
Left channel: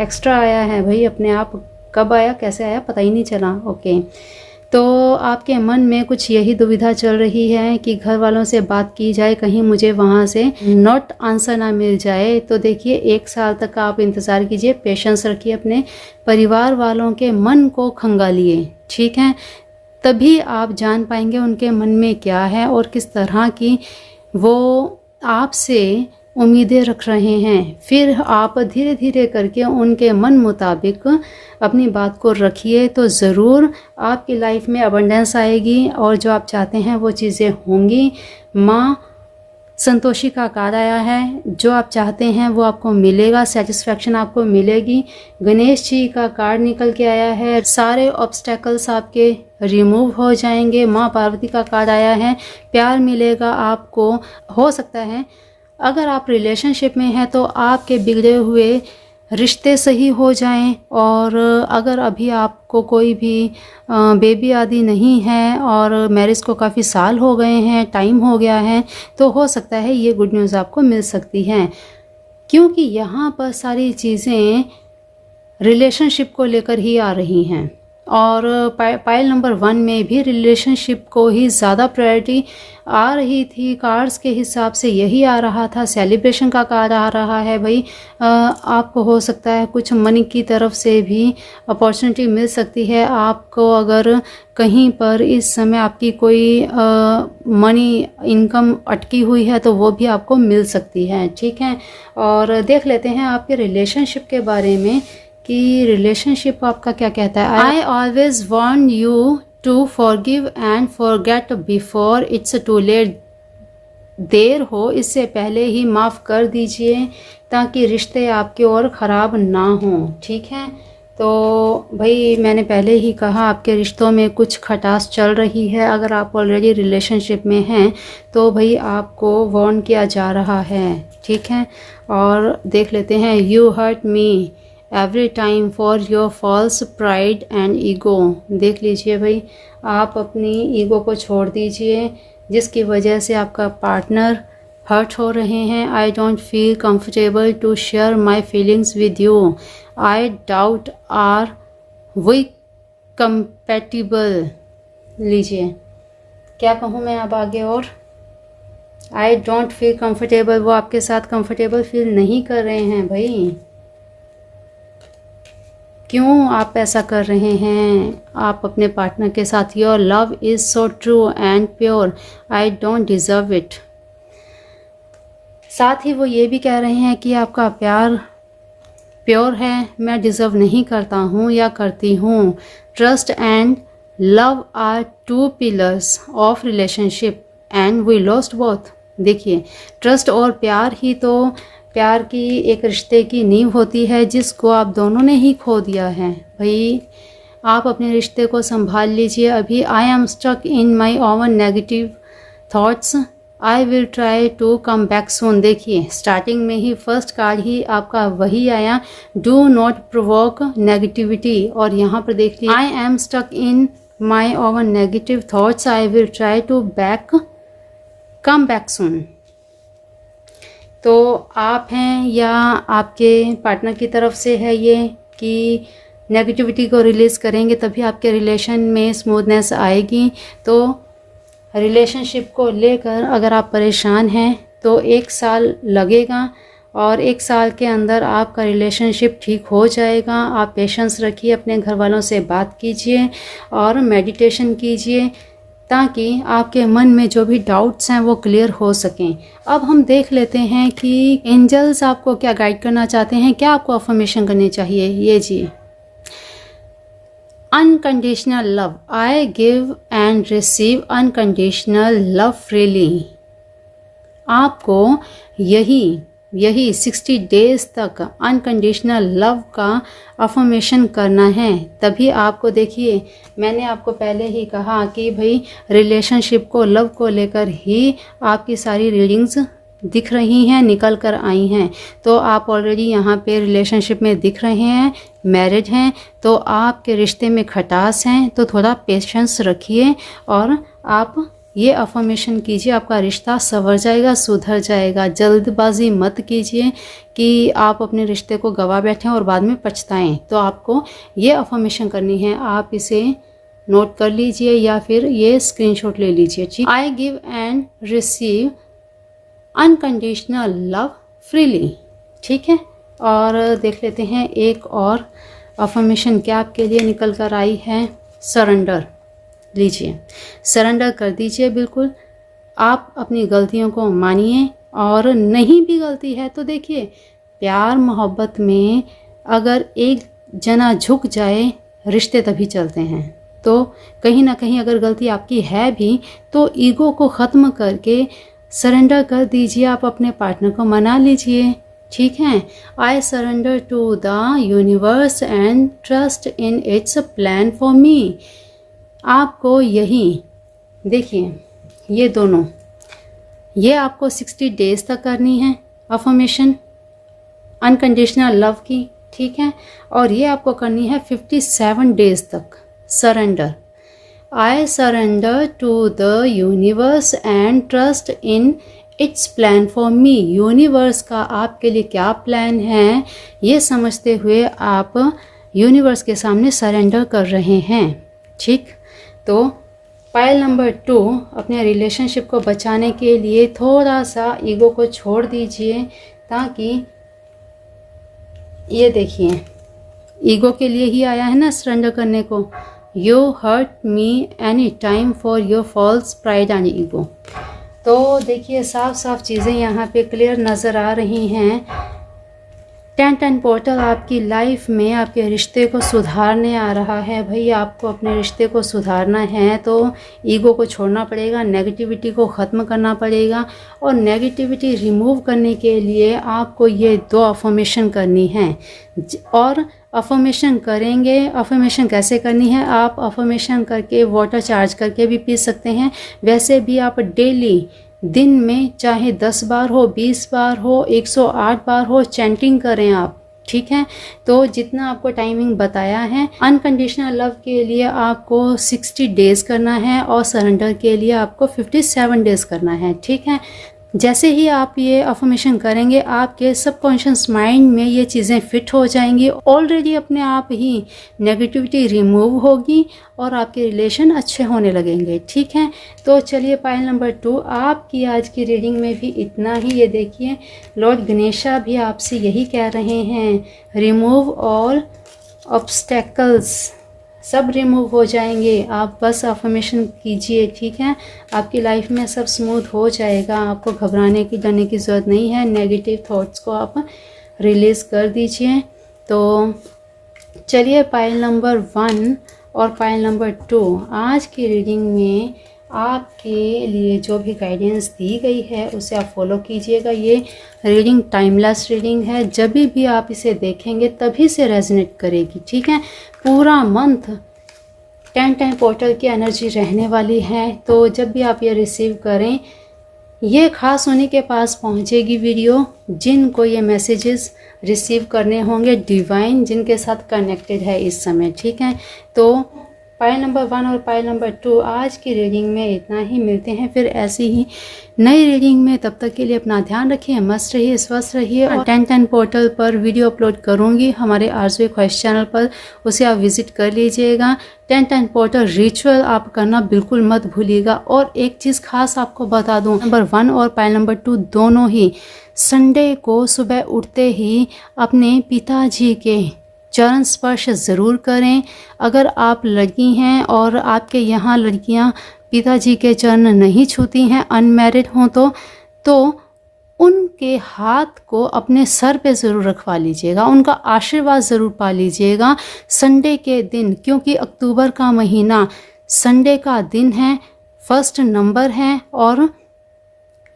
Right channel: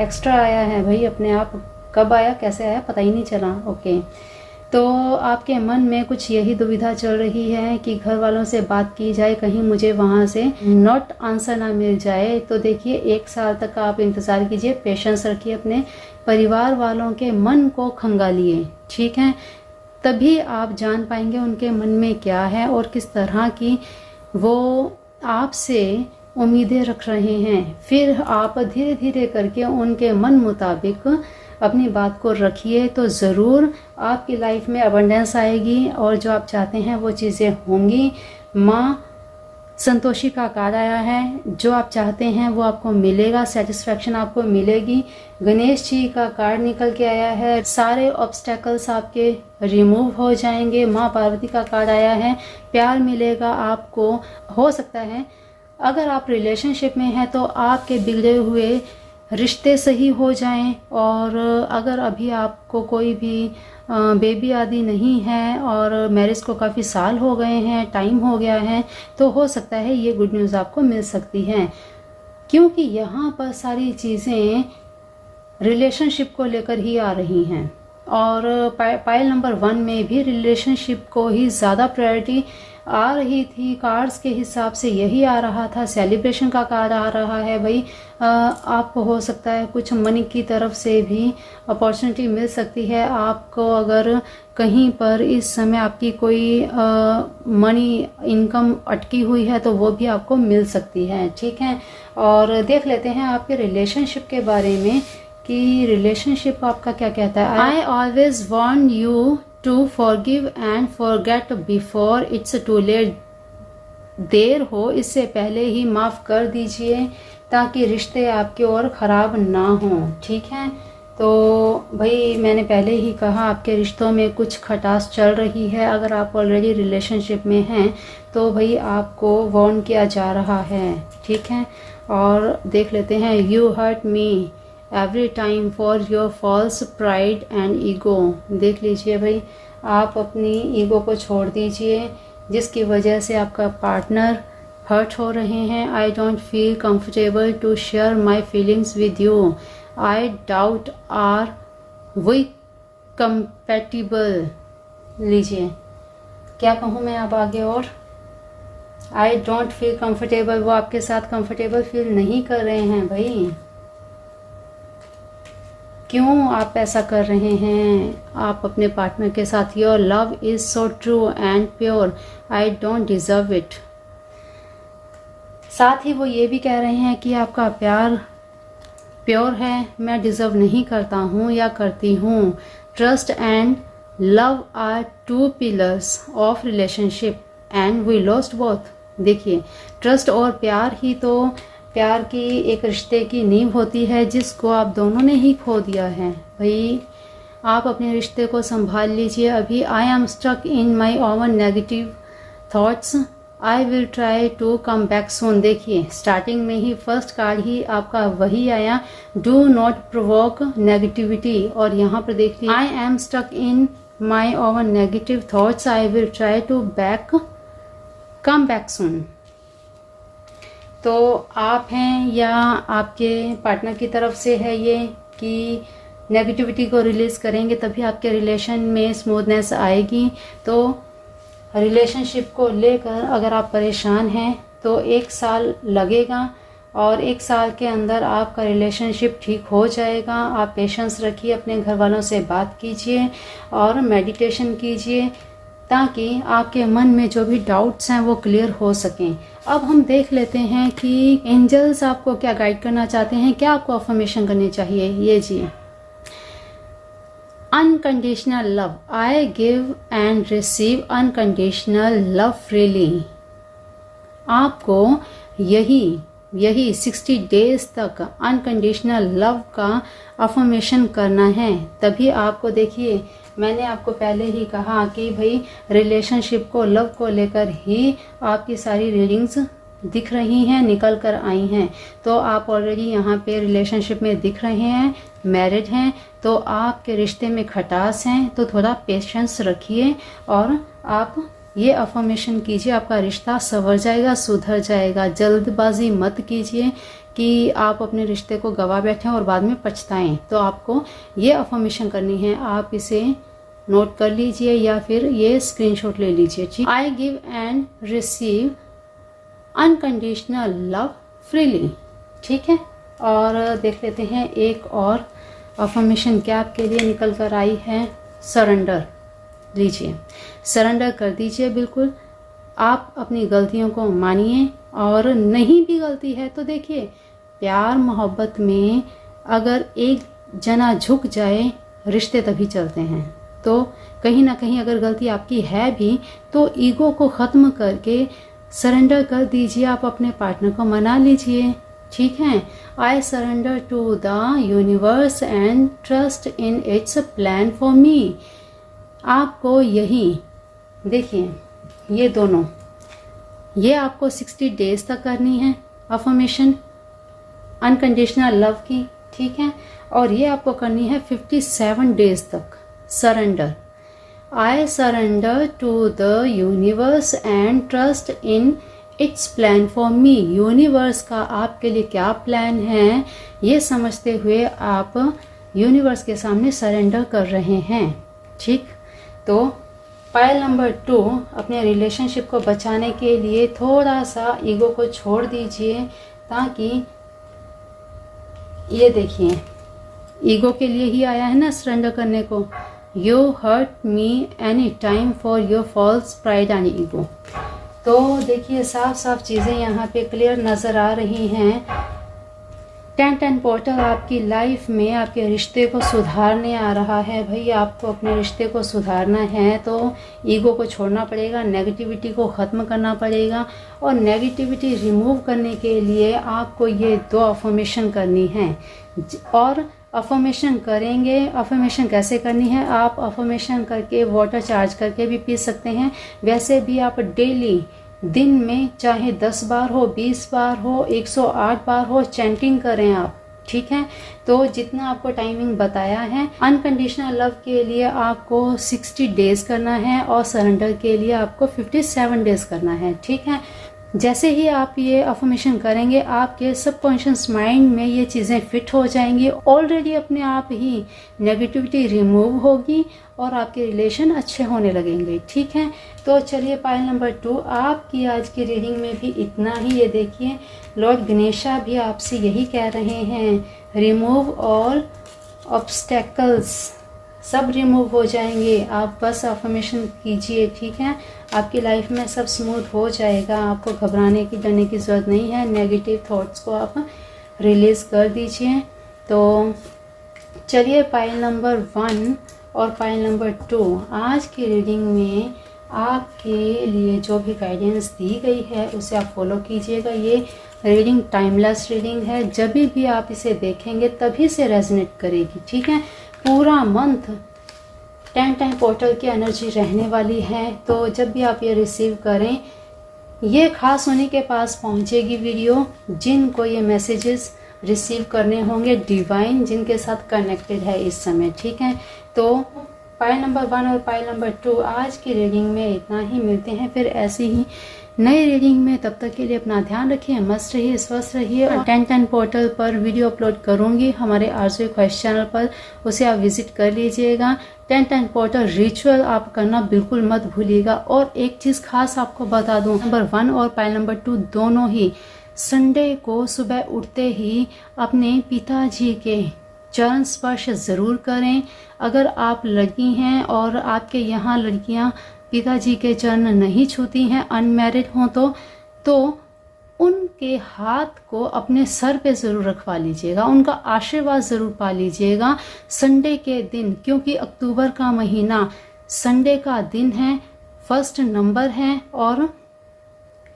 एक्स्ट्रा आया है भाई, अपने आप कब आया कैसे आया पता ही नहीं चला। ओके, तो आपके मन में कुछ यही दुविधा चल रही है कि घर वालों से बात की जाए, कहीं मुझे वहाँ से नॉट आंसर ना मिल जाए। तो देखिए 1 साल तक आप इंतज़ार कीजिए, पेशेंस रखिए, अपने परिवार वालों के मन को खंगालिए। ठीक है, तभी आप जान पाएंगे उनके मन में क्या है और किस तरह की वो आपसे उम्मीदें रख रहे हैं। फिर आप धीरे धीरे करके उनके मन मुताबिक अपनी बात को रखिए, तो ज़रूर आपकी लाइफ में अबंडेंस आएगी और जो आप चाहते हैं वो चीज़ें होंगी। माँ संतोषी का कार्ड आया है, जो आप चाहते हैं वो आपको मिलेगा, सेटिस्फैक्शन आपको मिलेगी। गणेश जी का कार्ड निकल के आया है, सारे ऑब्स्टेकल्स आपके रिमूव हो जाएंगे। माँ पार्वती का कार्ड आया है, प्यार मिलेगा आपको। हो सकता है अगर आप रिलेशनशिप में हैं तो आपके बिगड़े हुए रिश्ते सही हो जाएं, और अगर अभी आपको कोई भी बेबी आदि नहीं है और मैरिज को काफ़ी साल हो गए हैं, टाइम हो गया है, तो हो सकता है ये गुड न्यूज़ आपको मिल सकती हैं, क्योंकि यहाँ पर सारी चीज़ें रिलेशनशिप को लेकर ही आ रही हैं। और पाइल नंबर 1 में भी रिलेशनशिप को ही ज़्यादा प्रायोरिटी आ रही थी। कार्ड्स के हिसाब से यही आ रहा था, सेलिब्रेशन का कार्ड आ रहा है भाई। आपको हो सकता है कुछ मनी की तरफ से भी अपॉर्चुनिटी मिल सकती है आपको। अगर कहीं पर इस समय आपकी कोई मनी इनकम अटकी हुई है तो वो भी आपको मिल सकती है। ठीक है, और देख लेते हैं आपके रिलेशनशिप के बारे में कि रिलेशनशिप आपका क्या कहता है। I always want you to forgive and forget before it's too late. देर हो इससे पहले ही माफ़ कर दीजिए ताकि रिश्ते आपके और ख़राब ना हों। ठीक है, तो भाई मैंने पहले ही कहा आपके रिश्तों में कुछ खटास चल रही है। अगर आप ऑलरेडी रिलेशनशिप में हैं तो भाई आपको वार्न किया जा रहा है। ठीक है, और देख लेते हैं। You hurt me every time for your false pride and ego. देख लीजिए भाई, आप अपनी ईगो को छोड़ दीजिए जिसकी वजह से आपका पार्टनर हर्ट हो रहे हैं। I don't feel comfortable to share my feelings with you. I doubt are we compatible. लीजिए, क्या कहूँ मैं अब आगे और। आई डोंट फील कंफर्टेबल, वो आपके साथ कंफर्टेबल फील नहीं कर रहे हैं भाई। क्यों आप ऐसा कर रहे हैं आप अपने पार्टनर के साथ। Your love is so true and pure, I don't deserve it. साथ ही वो ये भी कह रहे हैं कि आपका प्यार प्योर है, मैं डिज़र्व नहीं करता हूँ या करती हूँ। Trust and love are two pillars of relationship and we lost both. देखिए, ट्रस्ट और प्यार ही तो प्यार की एक रिश्ते की नींव होती है जिसको आप दोनों ने ही खो दिया है। भाई आप अपने रिश्ते को संभाल लीजिए अभी। I am stuck in my own negative thoughts, I will try to come back soon. देखिए, स्टार्टिंग में ही फर्स्ट कार्ड ही आपका वही आया, डू नॉट प्रोवोक नेगेटिविटी। और यहाँ पर देखिए, I am stuck in my own negative thoughts, I will try to come back soon. तो आप हैं या आपके पार्टनर की तरफ से है ये कि नेगेटिविटी को रिलीज़ करेंगे तभी आपके रिलेशन में स्मूथनेस आएगी। तो रिलेशनशिप को लेकर अगर आप परेशान हैं तो 1 साल लगेगा और 1 साल के अंदर आपका रिलेशनशिप ठीक हो जाएगा। आप पेशेंस रखिए, अपने घर वालों से बात कीजिए और मेडिटेशन कीजिए ताकि आपके मन में जो भी डाउट्स हैं वो क्लियर हो सकें। अब हम देख लेते हैं कि एंजल्स आपको क्या गाइड करना चाहते हैं, क्या आपको अफर्मेशन करनी चाहिए। ये जी, unconditional love, I give and receive unconditional love freely. आपको यही 60 डेज तक अनकंडीशनल लव का अफर्मेशन करना है। तभी आपको, देखिए मैंने आपको पहले ही कहा कि भाई रिलेशनशिप को, लव को लेकर ही आपकी सारी रीडिंग्स दिख रही हैं, निकल कर आई हैं। तो आप ऑलरेडी यहाँ पे रिलेशनशिप में दिख रहे हैं, मैरिड हैं, तो आपके रिश्ते में खटास हैं। तो थोड़ा पेशेंस रखिए और आप ये अफर्मेशन कीजिए, आपका रिश्ता संवर जाएगा, सुधर जाएगा। जल्दबाजी मत कीजिए कि आप अपने रिश्ते को गवा बैठें और बाद में पछताएं। तो आपको ये अफर्मेशन करनी है, आप इसे नोट कर लीजिए या फिर ये स्क्रीनशॉट ले लीजिए। ठीक, आई give and receive unconditional love freely. ठीक है, और देख लेते हैं एक और अफर्मेशन क्या आपके लिए निकल कर आई है। सरेंडर। लीजिए, सरेंडर कर दीजिए बिल्कुल। आप अपनी गलतियों को मानिए और नहीं भी गलती है तो देखिए, प्यार मोहब्बत में अगर एक जना झुक जाए रिश्ते तभी चलते हैं। तो कहीं ना कहीं अगर गलती आपकी है भी तो ईगो को ख़त्म करके सरेंडर कर दीजिए, आप अपने पार्टनर को मना लीजिए। ठीक है, I surrender to the universe and trust in its plan for me. आपको यही देखिए, ये दोनों, ये आपको 60 डेज तक करनी है अफर्मेशन अनकंडीशनल लव की। ठीक है, और ये आपको करनी है 57 डेज तक। Surrender, I surrender to the universe and trust in its plan for me. Universe का आपके लिए क्या प्लान है ये समझते हुए आप यूनिवर्स के सामने सरेंडर कर रहे हैं। ठीक, तो पाइल नंबर 2, अपने रिलेशनशिप को बचाने के लिए थोड़ा सा ईगो को छोड़ दीजिए ताकि, ये देखिए ईगो के लिए ही आया है ना सरेंडर करने को। You hurt me any time for your false pride and ego. तो देखिए साफ साफ चीज़ें यहाँ पे क्लियर नज़र आ रही हैं 10-10 पोर्टल आपकी लाइफ में आपके रिश्ते को सुधारने आ रहा है। भाई आपको अपने रिश्ते को सुधारना है तो ईगो को छोड़ना पड़ेगा, नेगेटिविटी को ख़त्म करना पड़ेगा। और नेगेटिविटी रिमूव करने के लिए आपको ये 2 अफर्मेशन करनी है। और अफर्मेशन करेंगे, अफर्मेशन कैसे करनी है, आप अफर्मेशन करके वाटर चार्ज करके भी पी सकते हैं। वैसे भी आप डेली दिन में चाहे 10 बार हो, 20 बार हो, 108 बार हो, चैंटिंग करें आप, ठीक है। तो जितना आपको टाइमिंग बताया है, अनकंडीशनल लव के लिए आपको 60 डेज करना है और सरेंडर के लिए आपको 57 डेज करना है, ठीक है। जैसे ही आप ये अफर्मेशन करेंगे आपके सबकॉन्शियस माइंड में ये चीज़ें फिट हो जाएंगी। ऑलरेडी अपने आप ही नेगेटिविटी रिमूव होगी और आपके रिलेशन अच्छे होने लगेंगे, ठीक है। तो चलिए पाइल नंबर 2 आपकी आज की रीडिंग में भी इतना ही। ये देखिए लॉर्ड गणेशा भी आपसे यही कह रहे हैं, रिमूव ऑल ऑब्स्टेकल्स, सब रिमूव हो जाएंगे। आप बस अफर्मेशन कीजिए, ठीक है। आपकी लाइफ में सब स्मूथ हो जाएगा। आपको घबराने की, डरने की ज़रूरत नहीं है। नेगेटिव थॉट्स को आप रिलीज़ कर दीजिए। तो चलिए पाइल नंबर 1 और पाइल नंबर 2 आज की रीडिंग में आपके लिए जो भी गाइडेंस दी गई है उसे आप फॉलो कीजिएगा। ये रीडिंग टाइमलेस रीडिंग है, जब भी आप इसे देखेंगे तभी से रेजोनेट करेगी, ठीक है। पूरा मंथ 10-10 पोर्टल की एनर्जी रहने वाली है। तो जब भी आप ये रिसीव करें, ये खास उन्हीं के पास पहुंचेगी वीडियो जिनको ये मैसेजेस रिसीव करने होंगे, डिवाइन जिनके साथ कनेक्टेड है इस समय, ठीक है। तो पाइल नंबर 1 और पाइल नंबर 2 आज की रीडिंग में इतना ही। मिलते हैं फिर ऐसी ही नई रीडिंग में। तब तक के लिए अपना ध्यान रखिए, मस्त रहिए, स्वस्थ रहिए। और 10-10 पोर्टल पर वीडियो अपलोड करूंगी हमारे आरज़ू ख्वाहिश चैनल पर, उसे आप विजिट कर लीजिएगा। 10-10 पोर्टल रिचुअल आप करना बिल्कुल मत भूलिएगा। और एक चीज़ खास आपको बता दूं, नंबर 1 और पाइल नंबर 2 दोनों ही संडे को सुबह उठते ही अपने पिताजी के चरण स्पर्श ज़रूर करें। अगर आप लड़की हैं और आपके यहाँ लड़कियाँ पिताजी के चरण नहीं छूती हैं, अनमैरिड हों तो उनके हाथ को अपने सर पे ज़रूर रखवा लीजिएगा, उनका आशीर्वाद ज़रूर पा लीजिएगा संडे के दिन। क्योंकि अक्टूबर का महीना संडे का दिन है, 1 नंबर है और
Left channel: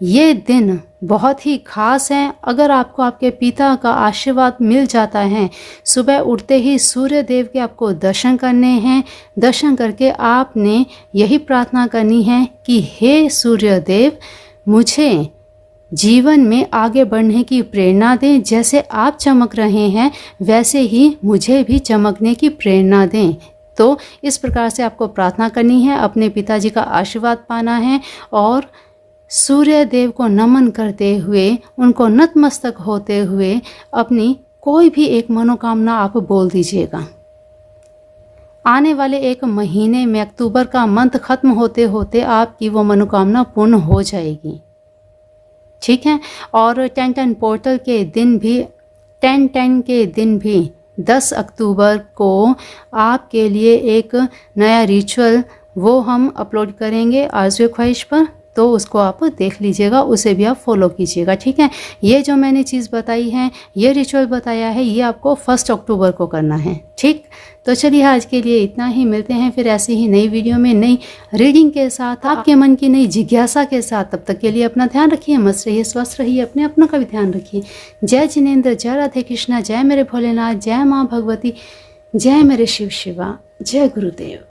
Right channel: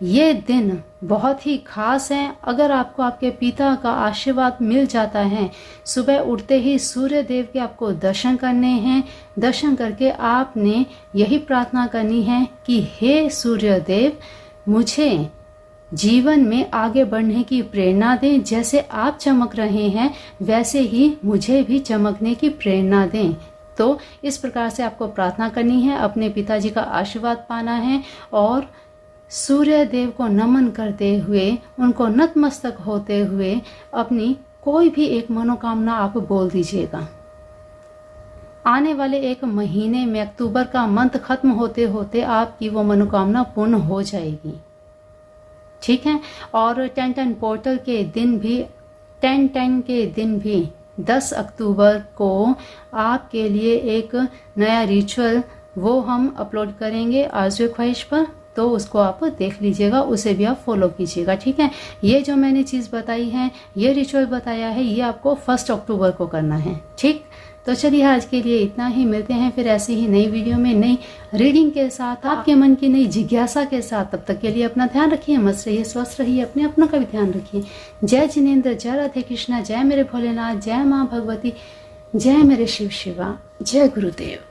ये दिन बहुत ही खास है। अगर आपको आपके पिता का आशीर्वाद मिल जाता है, सुबह उठते ही सूर्य देव के आपको दर्शन करने हैं। दर्शन करके आपने यही प्रार्थना करनी है कि हे सूर्य देव, मुझे जीवन में आगे बढ़ने की प्रेरणा दें। जैसे आप चमक रहे हैं वैसे ही मुझे भी चमकने की प्रेरणा दें। तो इस प्रकार से आपको प्रार्थना करनी है, अपने पिताजी का आशीर्वाद पाना है और सूर्य देव को नमन करते हुए, उनको नतमस्तक होते हुए अपनी कोई भी एक मनोकामना आप बोल दीजिएगा। आने वाले एक महीने में, अक्टूबर का मंथ खत्म होते होते आपकी वो मनोकामना पूर्ण हो जाएगी, ठीक है। और 10-10 पोर्टल के दिन भी, 10-10 के दिन भी 10 अक्टूबर को आपके लिए एक नया रिचुअल वो हम अपलोड करेंगे आरज़ू ख्वाहिश पर। तो उसको आप देख लीजिएगा, उसे भी आप फॉलो कीजिएगा, ठीक है। ये जो मैंने चीज़ बताई है, ये रिचुअल बताया है, ये आपको 1 अक्टूबर को करना है, ठीक। तो चलिए आज के लिए इतना ही। मिलते हैं फिर ऐसे ही नई वीडियो में, नई रीडिंग के साथ, आपके मन की नई जिज्ञासा के साथ। तब तक के लिए अपना ध्यान रखिए, मस्त रहिए, स्वस्थ रहिए, अपने अपनों का भी ध्यान रखिए। जय जिनेंद्र, जय राधे कृष्णा, जय मेरे भोलेनाथ, जय माँ भगवती, जय मेरे शिव शिवा, जय गुरुदेव।